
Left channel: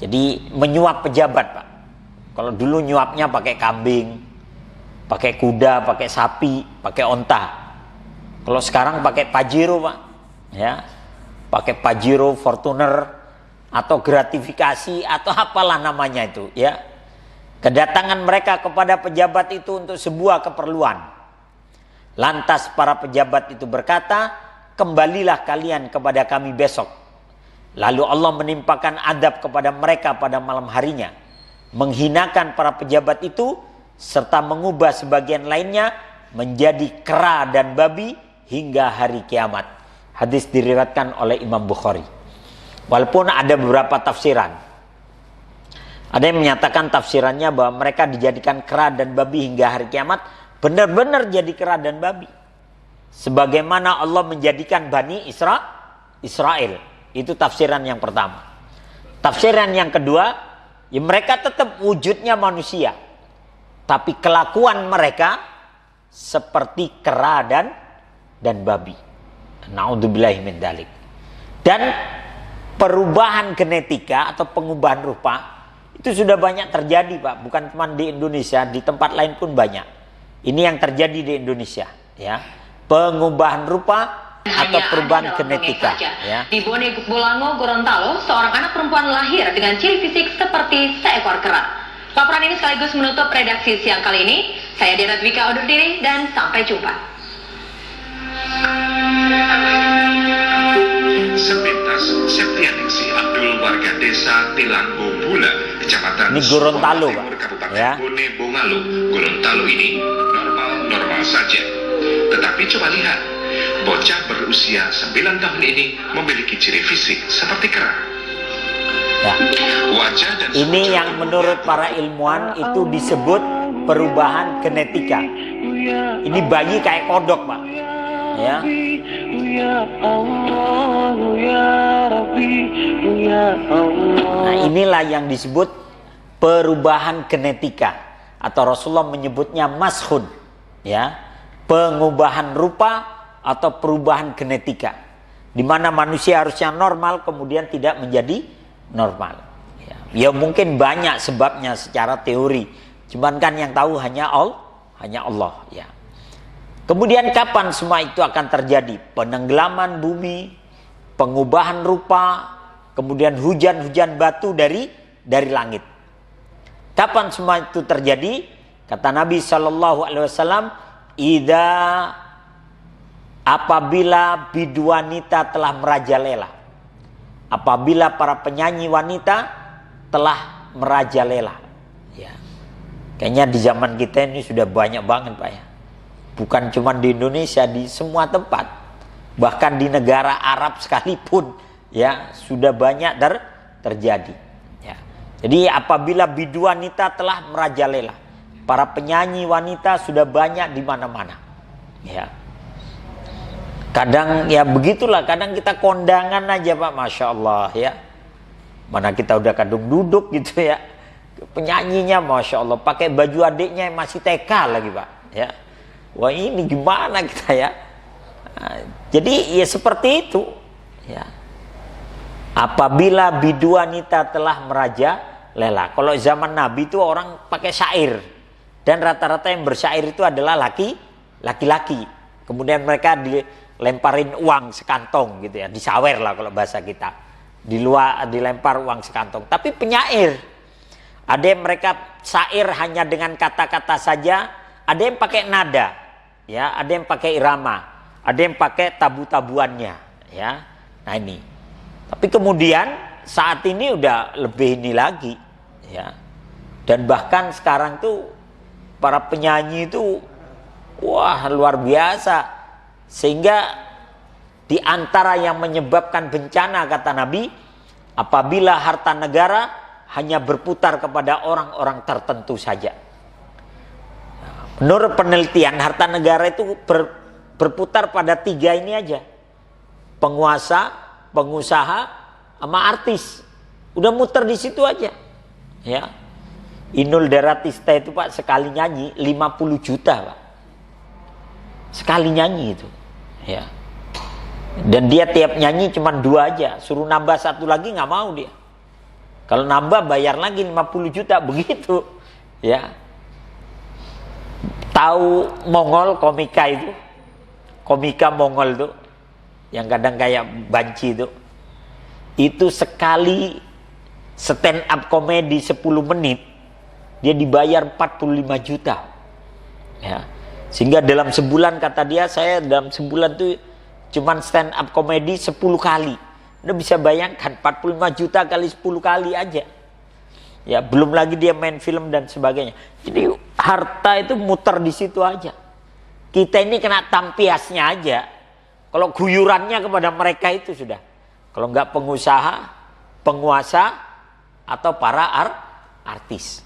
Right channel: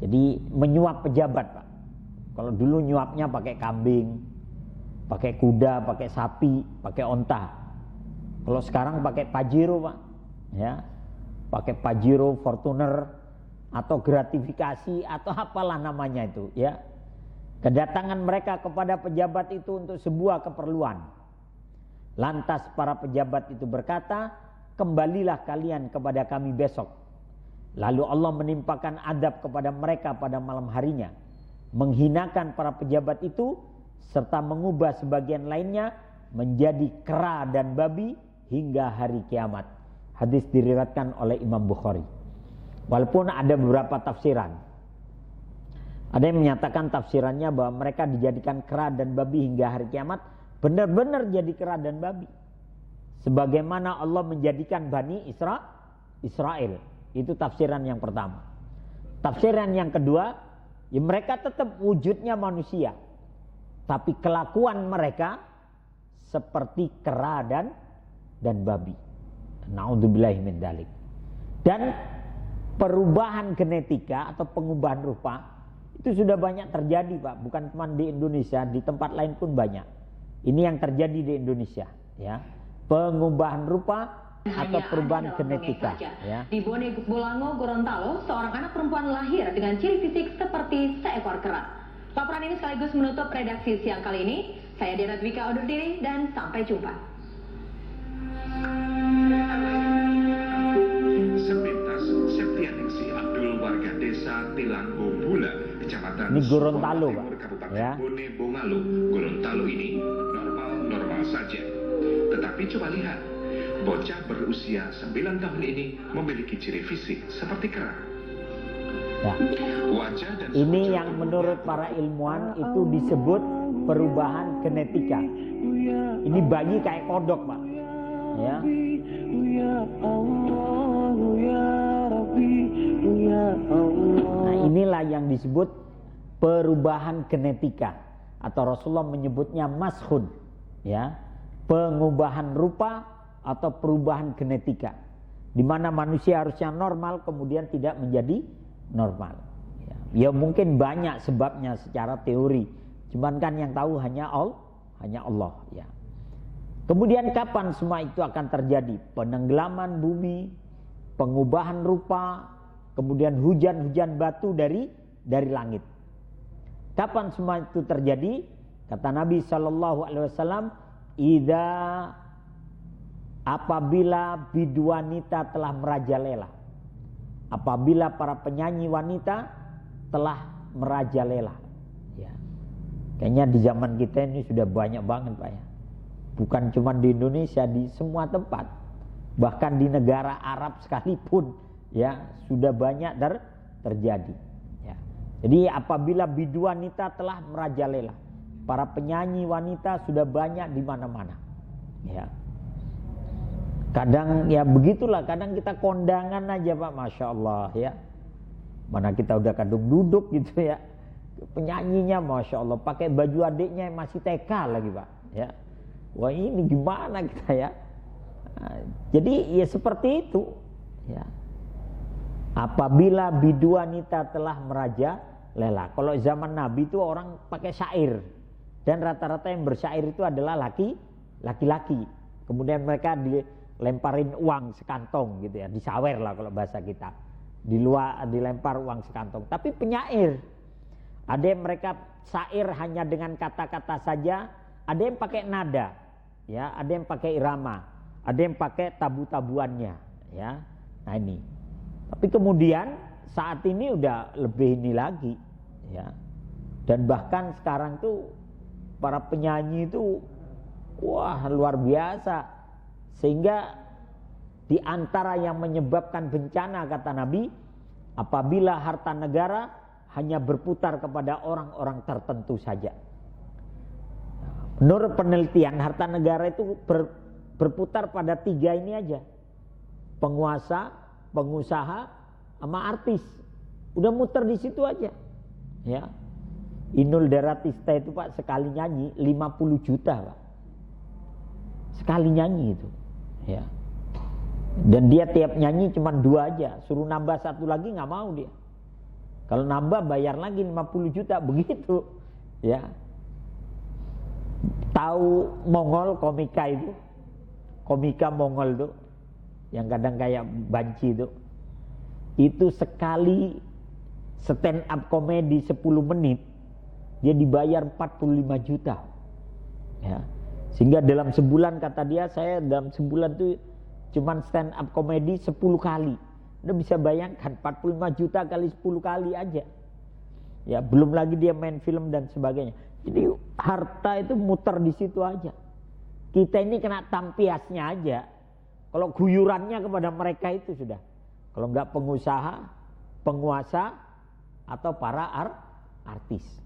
Jadi menyuap pejabat, Pak. Kalau dulu nyuapnya pakai kambing, pakai kuda, pakai sapi, pakai onta. Kalau sekarang pakai Pajero, Pak. Ya. Pakai Pajero, Fortuner, atau gratifikasi, atau apalah namanya itu, ya. Kedatangan mereka kepada pejabat itu untuk sebuah keperluan. Lantas para pejabat itu berkata, kembalilah kalian kepada kami besok. Lalu Allah menimpakan adab kepada mereka pada malam harinya, menghinakan para pejabat itu, serta mengubah sebagian lainnya menjadi kera dan babi hingga hari kiamat. Hadis diriwayatkan oleh Imam Bukhari. Walaupun ada beberapa tafsiran. Ada yang menyatakan tafsirannya bahwa mereka dijadikan kera dan babi hingga hari kiamat, benar-benar jadi kera dan babi. Sebagaimana Allah menjadikan Bani Israel. Itu tafsiran yang pertama. Tafsiran yang kedua, ya mereka tetap wujudnya manusia, tapi kelakuan mereka seperti kera dan babi. Na'udzubillahi min dzalik. Dan perubahan genetika atau pengubahan rupa itu sudah banyak terjadi, Pak. Bukan cuma di Indonesia, di tempat lain pun banyak. Ini yang terjadi di Indonesia, ya. Pengubahan rupa atau perubahan genetika, ya. Di Bone Bolango, Gorontalo, seorang anak perempuan lahir dengan ciri fisik seperti seekor kera. Laporan ini sekaligus menutup redaksi siang kali ini. Saya Dera Dwika undur diri dan sampai jumpa. Sepintas Septianingsi Abdul warga desa Tilanggo Bula, Kecamatan Ini Gorontalo, Timur, Pak. Kabupaten Ya. Bone Bongalo, Gorontalo ini normal saja. Tetapi coba lihat, bocah berusia 9 tahun ini memiliki ciri fisik seperti kera. Ya. Wajah dan Ini yang menurut para ilmuwan itu disebut perubahan genetika. Ini bayi kayak kodok, Pak. Ya. Nah, inilah yang disebut perubahan genetika, atau Rasulullah menyebutnya mashun, ya, pengubahan rupa atau perubahan genetika, di mana manusia harusnya normal kemudian tidak menjadi normal. Ya. Ya mungkin banyak sebabnya secara teori. Cuman kan yang tahu hanya Allah ya. Kemudian kapan semua itu akan terjadi? Penenggelaman bumi, pengubahan rupa, kemudian hujan-hujan batu dari langit. Kapan semua itu terjadi? Kata Nabi SAW, apabila bidu wanita telah merajalela. Apabila para penyanyi wanita telah merajalela. Ya. Kayaknya di zaman kita ini sudah banyak banget Pak ya. Bukan cuma di Indonesia, di semua tempat. Bahkan di negara Arab sekalipun ya sudah banyak terjadi. Ya. Jadi apabila bidu wanita telah merajalela, para penyanyi wanita sudah banyak di mana-mana. Ya. Kadang ya begitulah, kadang kita kondangan aja Pak, Masya Allah ya. Mana kita udah kadung duduk gitu ya. Penyanyinya Masya Allah pakai baju adiknya yang masih TK lagi Pak ya. Wah ini gimana kita ya. Nah, jadi ya seperti itu ya. Apabila bidu wanita telah merajalela. Kalau zaman Nabi itu orang pakai syair. Dan rata-rata yang bersyair itu adalah laki-laki. Kemudian mereka dilemparin uang sekantong gitu ya. Disawer lah kalau bahasa kita. Di luar dilempar uang sekantong. Tapi penyair. Ada yang mereka syair hanya dengan kata-kata saja. Ada yang pakai nada. Ya, ada yang pakai irama. Ada yang pakai tabu-tabuannya. Ya, nah ini. Tapi kemudian saat ini udah lebih ini lagi. Ya. Dan bahkan sekarang tuh para penyanyi itu wah luar biasa. Sehingga di antara yang menyebabkan bencana kata Nabi, apabila harta negara hanya berputar kepada orang-orang tertentu saja. Menurut penelitian harta negara itu berputar pada 3 ini aja. Penguasa, pengusaha, sama artis. Udah muter di situ aja. Ya. Inul Daratista itu Pak sekali nyanyi 50 juta Pak. Sekali nyanyi itu. Ya. Dan dia tiap nyanyi cuma 2 aja. Suruh nambah 1 lagi nggak mau dia. Kalau nambah bayar lagi 50 juta begitu. Ya. Tahu Mongol komika itu? Komika Mongol itu yang kadang kayak banci itu. Itu sekali stand up komedi 10 menit dia dibayar 45 juta. Ya. Sehingga dalam sebulan kata dia, saya dalam sebulan tuh cuman stand up komedi 10 kali. Udah bisa bayangkan 45 juta kali 10 kali aja. Ya, belum lagi dia main film dan sebagainya. Jadi harta itu muter di situ aja. Kita ini kena tampiasnya aja. Kalau guyurannya kepada mereka itu sudah. Kalau enggak pengusaha, penguasa, atau para artis.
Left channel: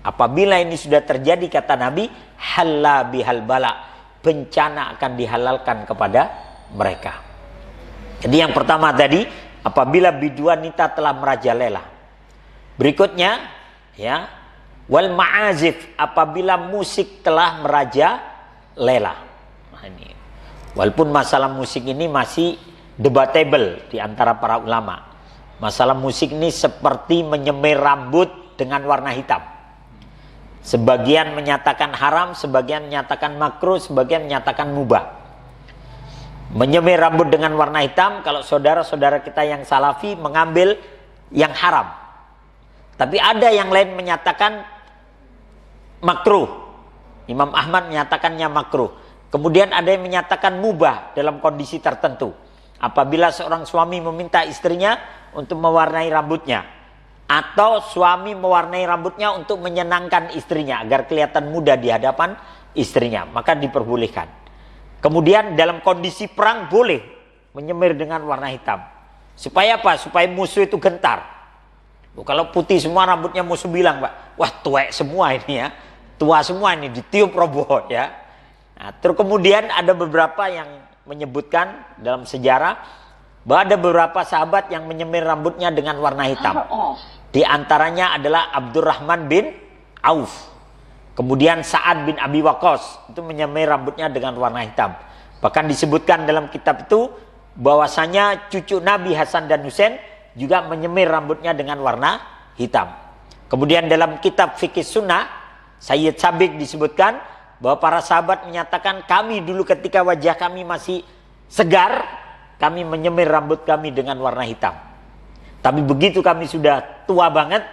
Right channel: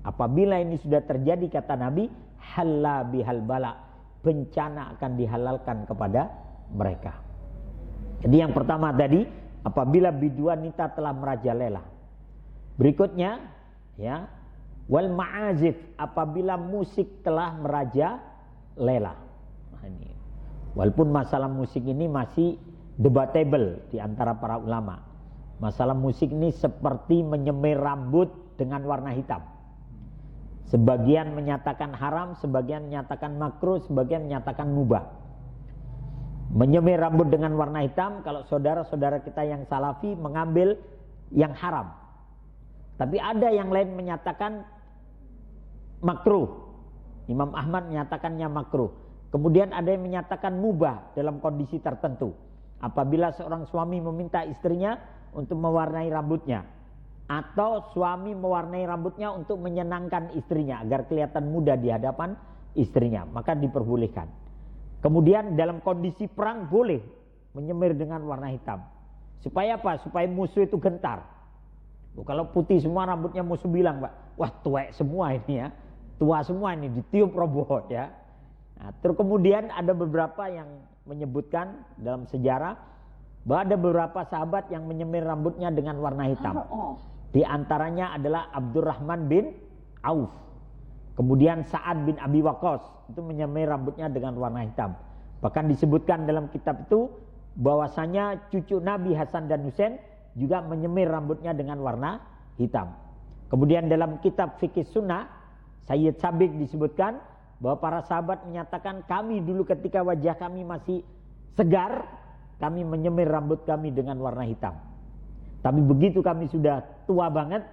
Apabila ini sudah terjadi kata Nabi, halla bihal bala, bencana akan dihalalkan kepada mereka. Jadi yang pertama tadi, apabila bidu wanita telah merajalela. Berikutnya, ya, wal ma'azif, apabila musik telah merajalela. Nah, ini. Walaupun masalah musik ini masih debatable di antara para ulama. Masalah musik ini seperti menyemir rambut dengan warna hitam. Sebagian menyatakan haram, sebagian menyatakan makruh, sebagian menyatakan mubah. Menyemir rambut dengan warna hitam, kalau saudara-saudara kita yang salafi mengambil yang haram. Tapi ada yang lain menyatakan makruh. Imam Ahmad menyatakannya makruh. Kemudian ada yang menyatakan mubah dalam kondisi tertentu. Apabila seorang suami meminta istrinya untuk mewarnai rambutnya. Atau suami mewarnai rambutnya untuk menyenangkan istrinya agar kelihatan muda di hadapan istrinya. Maka diperbolehkan. Kemudian dalam kondisi perang boleh menyemir dengan warna hitam. Supaya apa? Supaya musuh itu gentar. Kalau putih semua rambutnya musuh bilang Pak, wah tuwek semua ini ya. Tua semua ini ditiup roboh ya. Nah, terus kemudian ada beberapa yang menyebutkan dalam sejarah bahwa ada beberapa sahabat yang menyemir rambutnya dengan warna hitam. Di antaranya adalah Abdurrahman bin Auf. Kemudian Sa'ad bin Abi Waqqas itu menyemir rambutnya dengan warna hitam. Bahkan disebutkan dalam kitab itu bahwasanya cucu Nabi Hasan dan Husain juga menyemir rambutnya dengan warna hitam. Kemudian dalam kitab Fikih Sunnah, Sayyid Sabiq disebutkan bahwa para sahabat menyatakan, kami dulu ketika wajah kami masih segar, kami menyemir rambut kami dengan warna hitam. Tapi begitu kami sudah tua banget,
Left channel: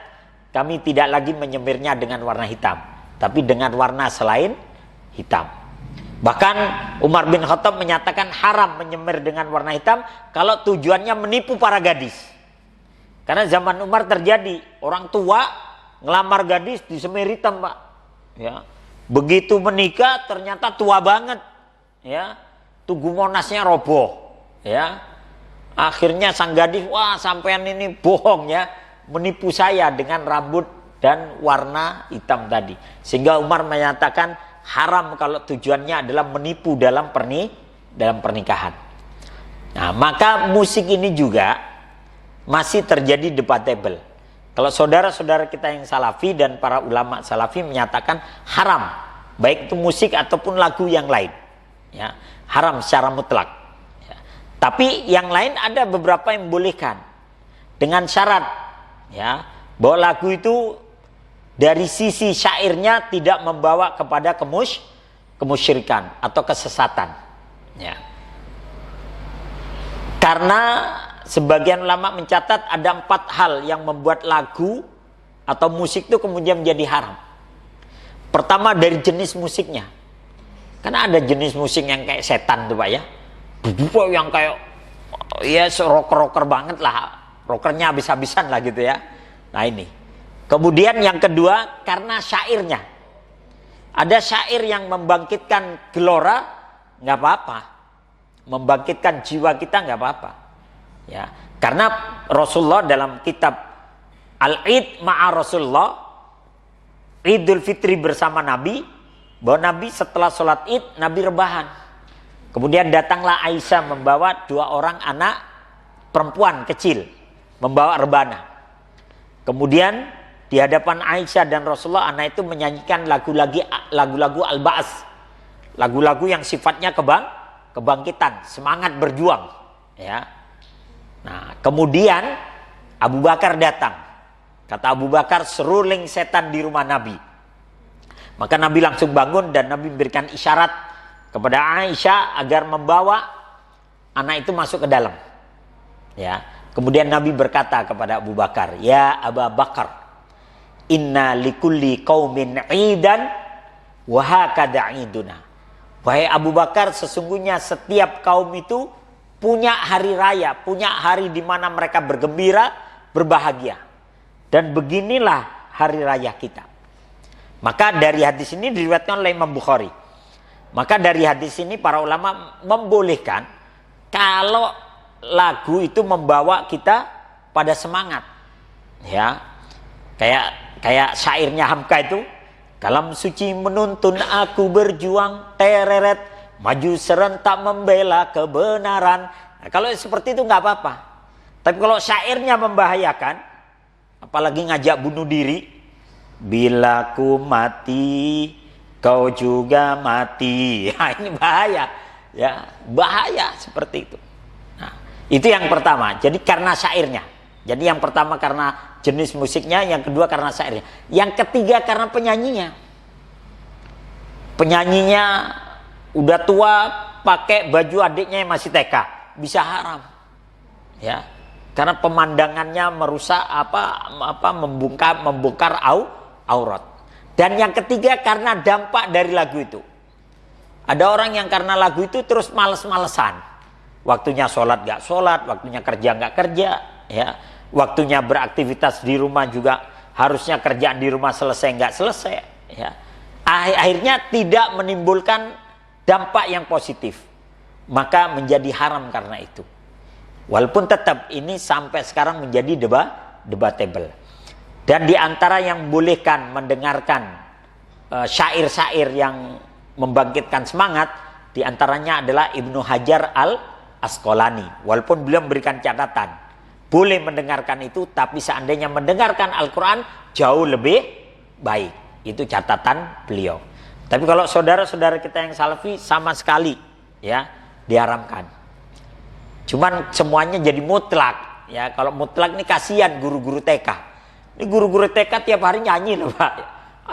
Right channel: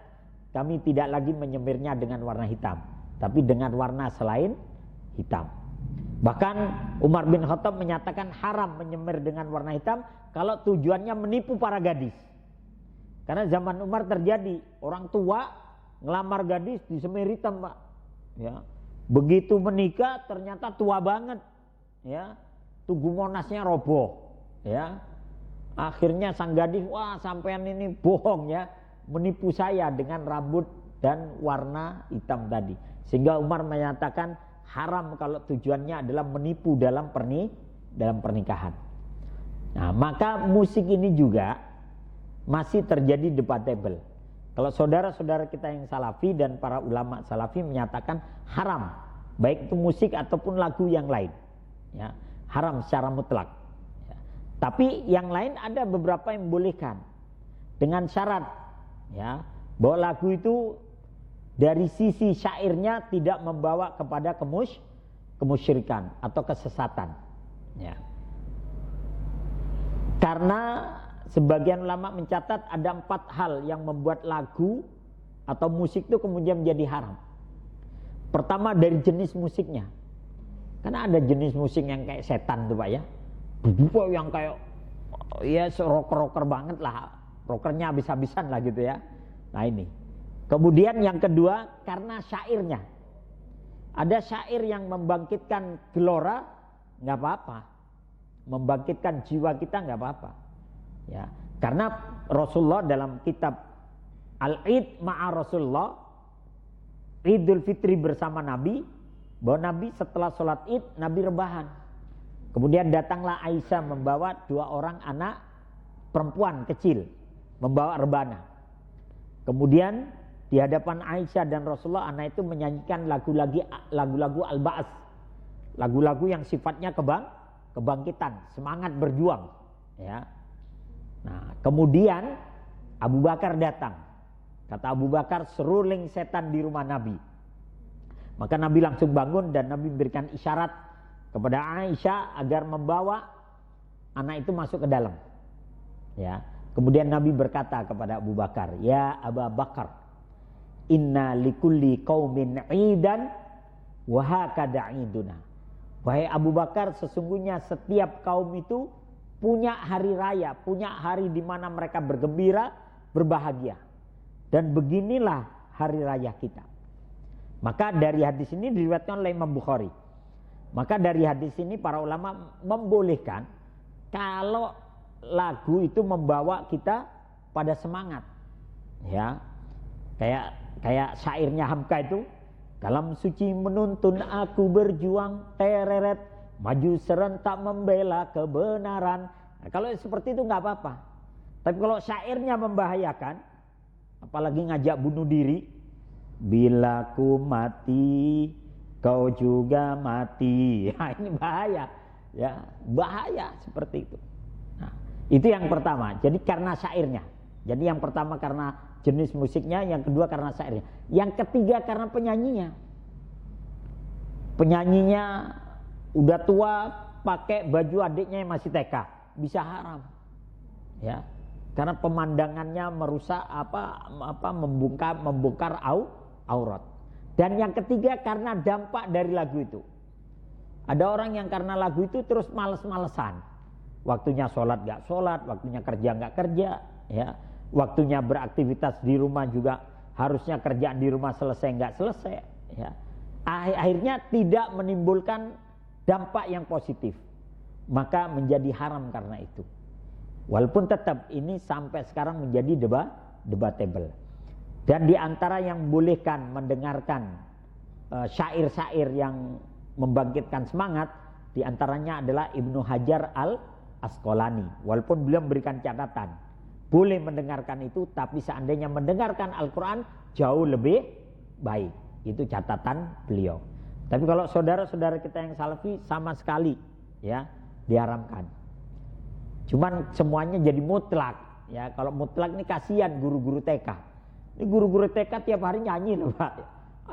kami tidak lagi menyemirnya dengan warna hitam, tapi dengan warna selain hitam. Bahkan Umar bin Khattab menyatakan haram menyemir dengan warna hitam kalau tujuannya menipu para gadis. Karena zaman Umar terjadi orang tua ngelamar gadis disemir hitam, Pak. Ya. Begitu menikah ternyata tua banget. Ya. Tugu Monasnya roboh. Ya. Akhirnya sang gadis, wah sampean ini bohong ya, menipu saya dengan rambut dan warna hitam tadi. Sehingga Umar menyatakan haram kalau tujuannya adalah menipu dalam pernikahan. Nah, maka musik ini juga masih terjadi debatable. Kalau saudara-saudara kita yang salafi dan para ulama salafi menyatakan haram, baik itu musik ataupun lagu yang lain, ya, haram secara mutlak. Ya. Tapi yang lain ada beberapa yang membolehkan dengan syarat, ya, bahwa lagu itu dari sisi syairnya tidak membawa kepada kemusyrikan atau kesesatan. Ya. Karena sebagian ulama mencatat ada 4 hal yang membuat lagu atau musik itu kemudian menjadi haram. Pertama dari jenis musiknya. Karena ada jenis musik yang kayak setan tuh Pak ya. Yang kayak ya rocker-rocker banget lah. Rockernya habis-habisan lah gitu ya. Nah ini. Kemudian yang kedua karena syairnya. Ada syair yang membangkitkan gelora, nggak apa-apa. Membangkitkan jiwa kita nggak apa-apa. Ya, karena Rasulullah dalam kitab Al-Id ma'a Rasulullah, Idul Fitri bersama Nabi, bahwa Nabi setelah sholat Id, Nabi rebahan. Kemudian datanglah Aisyah membawa 2 orang anak perempuan kecil, membawa rebana. Kemudian di hadapan Aisyah dan Rasulullah, anak itu menyanyikan lagu-lagu al-ba'as, lagu-lagu yang sifatnya kebangkitan, semangat berjuang. Ya. Nah, kemudian Abu Bakar datang. Kata Abu Bakar, seruling setan di rumah Nabi. Maka Nabi langsung bangun dan Nabi memberikan isyarat kepada Aisyah agar membawa anak itu masuk ke dalam. Ya. Kemudian Nabi berkata kepada Abu Bakar, ya Abu Bakar, inna likulli qaumin idan wa hakada iduna. Wahai Abu Bakar, sesungguhnya setiap kaum itu punya hari raya, punya hari di mana mereka bergembira, berbahagia. Dan beginilah hari raya kita. Maka dari hadis ini diriwayatkan oleh Imam Bukhari. Maka dari hadis ini para ulama membolehkan kalau lagu itu membawa kita pada semangat. Ya. Kayak syairnya Hamka itu, kalam suci menuntun aku berjuang, tereret maju serentak membela kebenaran. Nah, kalau seperti itu nggak apa-apa. Tapi kalau syairnya membahayakan, apalagi ngajak bunuh diri, bila ku mati kau juga mati. Nah, ini bahaya, ya bahaya seperti itu. Nah, itu yang pertama. Jadi karena syairnya. Jadi yang pertama karena jenis musiknya, yang kedua karena syairnya, yang ketiga karena penyanyinya. Penyanyinya udah tua, pakai baju adiknya yang masih TK, bisa haram. Ya. Karena pemandangannya merusak membongkar aurat. Dan yang ketiga karena dampak dari lagu itu. Ada orang yang karena lagu itu terus males-malesan. Waktunya sholat gak sholat, waktunya kerja gak kerja, ya. Waktunya beraktivitas di rumah juga harusnya kerjaan di rumah selesai nggak selesai, ya. Akhirnya tidak menimbulkan dampak yang positif, maka menjadi haram karena itu. Walaupun tetap ini sampai sekarang menjadi debatable. Dan di antara yang bolehkan mendengarkan syair-syair yang membangkitkan semangat, di antaranya adalah Ibnu Hajar Al-Asqalani. Walaupun beliau memberikan catatan, boleh mendengarkan itu, tapi seandainya mendengarkan Al-Quran jauh lebih baik. Itu catatan beliau. Tapi kalau saudara-saudara kita yang salafi sama sekali ya diharamkan. Cuman semuanya jadi mutlak. Ya, kalau mutlak ini kasihan guru-guru TK. Ini guru-guru TK tiap hari nyanyi loh Pak.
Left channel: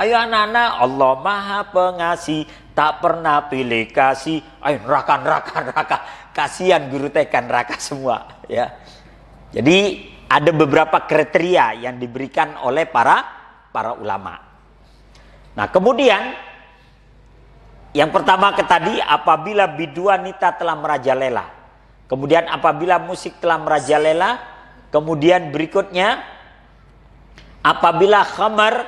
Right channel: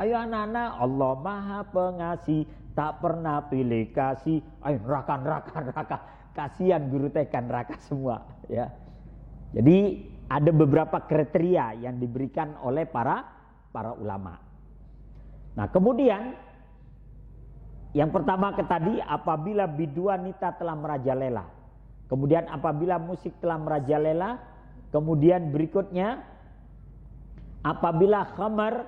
Ayo anak-anak, Allah Maha Pengasih, tak pernah pilih kasih. Ayo neraka. Kasihan guru TK neraka semua ya. Jadi ada beberapa kriteria yang diberikan oleh para ulama. Nah kemudian yang pertama tadi, apabila biduanita telah merajalela. Kemudian apabila musik telah merajalela. Kemudian berikutnya, apabila khamar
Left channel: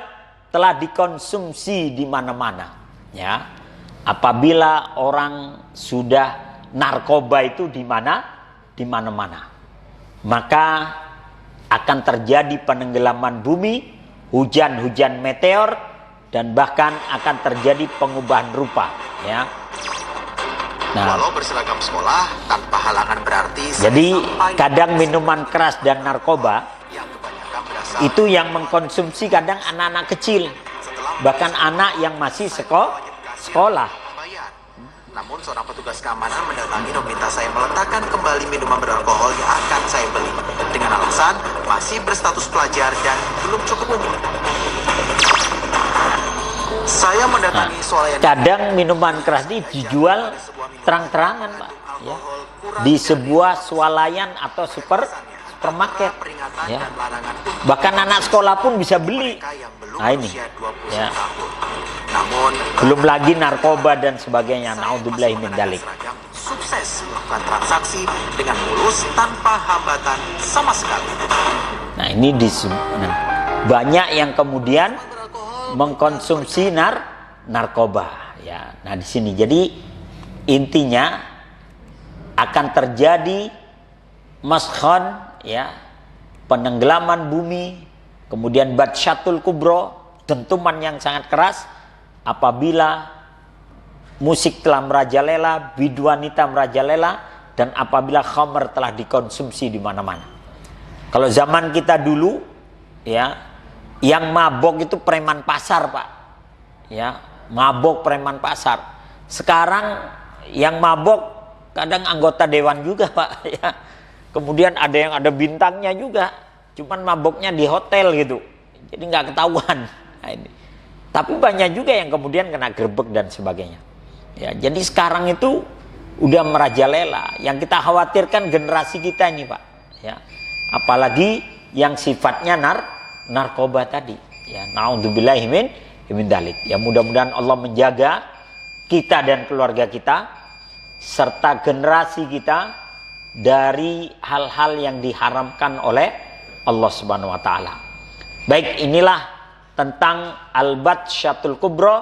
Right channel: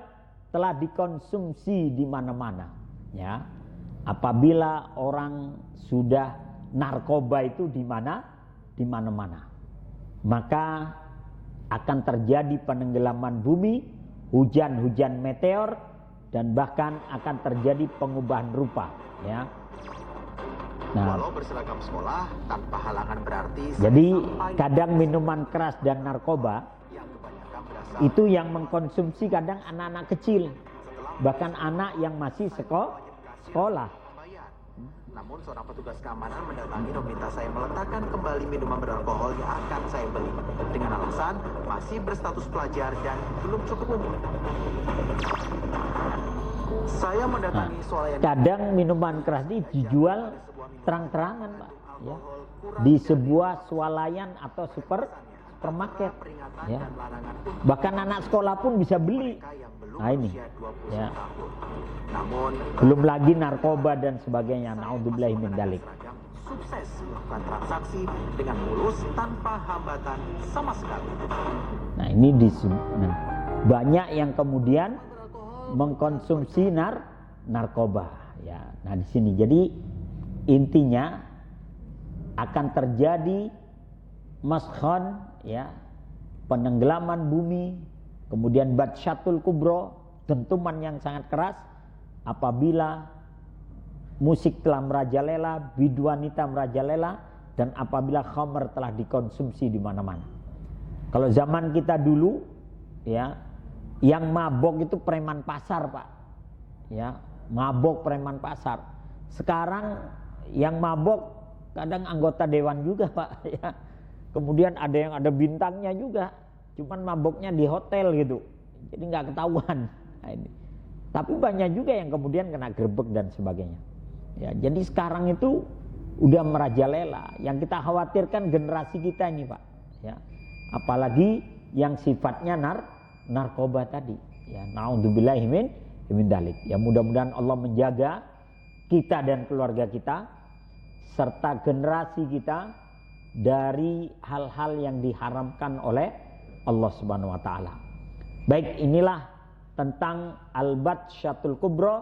telah dikonsumsi di mana-mana. Ya, apabila orang sudah narkoba itu di mana-mana. Maka akan terjadi penenggelaman bumi, hujan-hujan meteor, dan bahkan akan terjadi pengubahan rupa ya. Nah, walau berseragam sekolah tanpa halangan berarti jadi kadang minuman keras dan narkoba itu yang mengkonsumsi kadang anak-anak kecil, bahkan anak yang masih sekolah. Namun seorang petugas keamanan mendatangi dan meminta saya meletakkan kembali minuman beralkohol yang akan saya beli dengan alasan masih berstatus pelajar dan belum cukup umur. Saya mendatangi swalayan. Kadang minuman keras ini dijual terang-terangan Pak ya, di sebuah swalayan atau supermarket ya. Bahkan anak sekolah pun bisa beli. Nah ini ya. Belum lagi narkoba dan sebagainya. Naudzubillahi min dzalik. Sukses melakukan transaksi dengan mulus tanpa hambatan sama sekali. Nah ini banyak yang kemudian mengkonsumsi narkoba ya. Nah di sini jadi intinya akan terjadi maskhon ya, penenggelaman bumi, kemudian batsyatul kubro, dentuman yang sangat keras apabila musik telah merajalela, biduanita merajalela, dan apabila khamr telah dikonsumsi di mana-mana. Kalau zaman kita dulu ya, yang mabok itu preman pasar Pak ya, mabok preman pasar. Sekarang yang mabok kadang anggota dewan juga Pak ya. Kemudian ada yang ada bintangnya juga, cuman maboknya di hotel gitu, jadi nggak ketahuan. Nah, ini. Tapi banyak juga yang kemudian kena gerbek dan sebagainya ya. Jadi sekarang itu udah merajalela. Yang kita khawatirkan generasi kita ini Pak ya, apalagi yang sifatnya narkoba tadi ya. Naudzubillahi min dzalik ya. Mudah-mudahan Allah menjaga kita dan keluarga kita serta generasi kita dari hal-hal yang diharamkan oleh Allah Subhanahu wa taala. Baik, inilah tentang al-batsyatul kubra,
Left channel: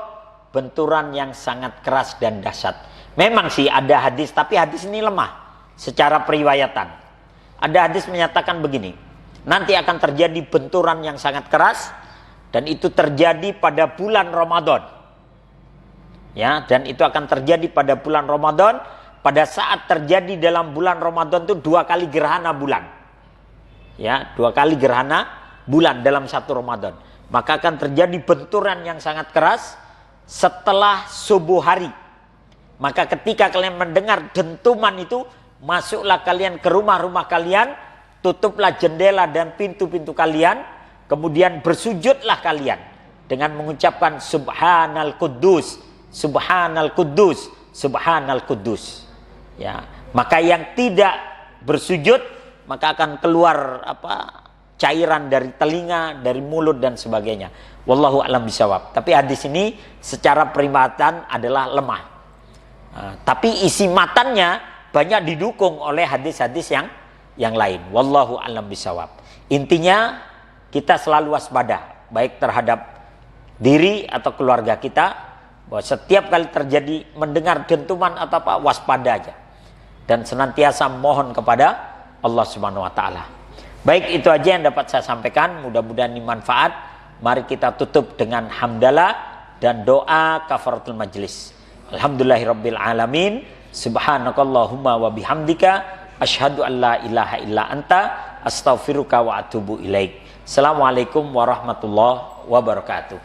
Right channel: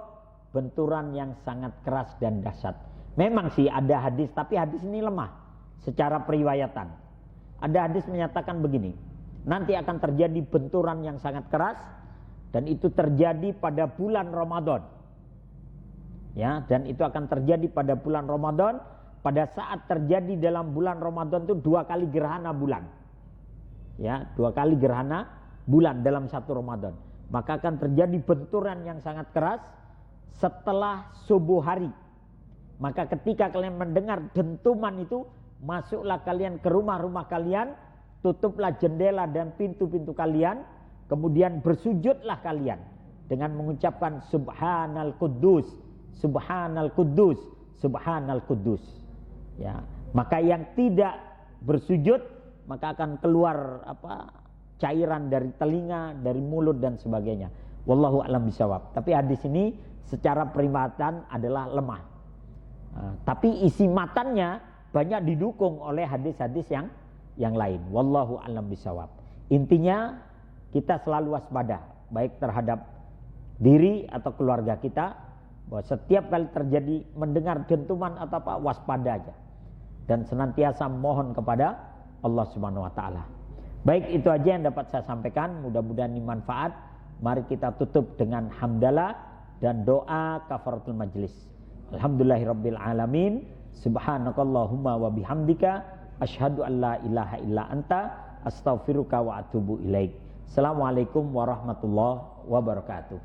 benturan yang sangat keras dan dahsyat. Memang sih ada hadis, tapi hadis ini lemah secara periwayatan. Ada hadis menyatakan begini, nanti akan terjadi benturan yang sangat keras dan itu terjadi pada bulan Ramadan. Ya, dan itu akan terjadi pada bulan Ramadan. Pada saat terjadi dalam bulan Ramadan itu 2 kali gerhana bulan. Ya, 2 kali gerhana bulan dalam satu Ramadan. Maka akan terjadi benturan yang sangat keras setelah subuh hari. Maka ketika kalian mendengar dentuman itu, masuklah kalian ke rumah-rumah kalian, tutuplah jendela dan pintu-pintu kalian, kemudian bersujudlah kalian dengan mengucapkan Subhanal Quddus, Subhanal Quddus, Subhanal Quddus. Ya, maka yang tidak bersujud maka akan keluar cairan dari telinga, dari mulut dan sebagainya. Wallahu a'lam bishawab. Tapi hadis ini secara periwayatan adalah lemah. Tapi isi matannya banyak didukung oleh hadis-hadis yang lain. Wallahu a'lam bishawab. Intinya kita selalu waspada baik terhadap diri atau keluarga kita, bahwa setiap kali terjadi mendengar dentuman atau apa, waspada aja dan senantiasa mohon kepada Allah Subhanahu wa taala. Baik, itu aja yang dapat saya sampaikan, mudah-mudahan ini manfaat. Mari kita tutup dengan hamdalah dan doa kafaratul majlis. Alhamdulillahirabbil alamin, subhanakallahumma wa bihamdika asyhadu an la ilaha illa anta astaghfiruka wa atubu ilaik. Assalamualaikum warahmatullahi wabarakatuh.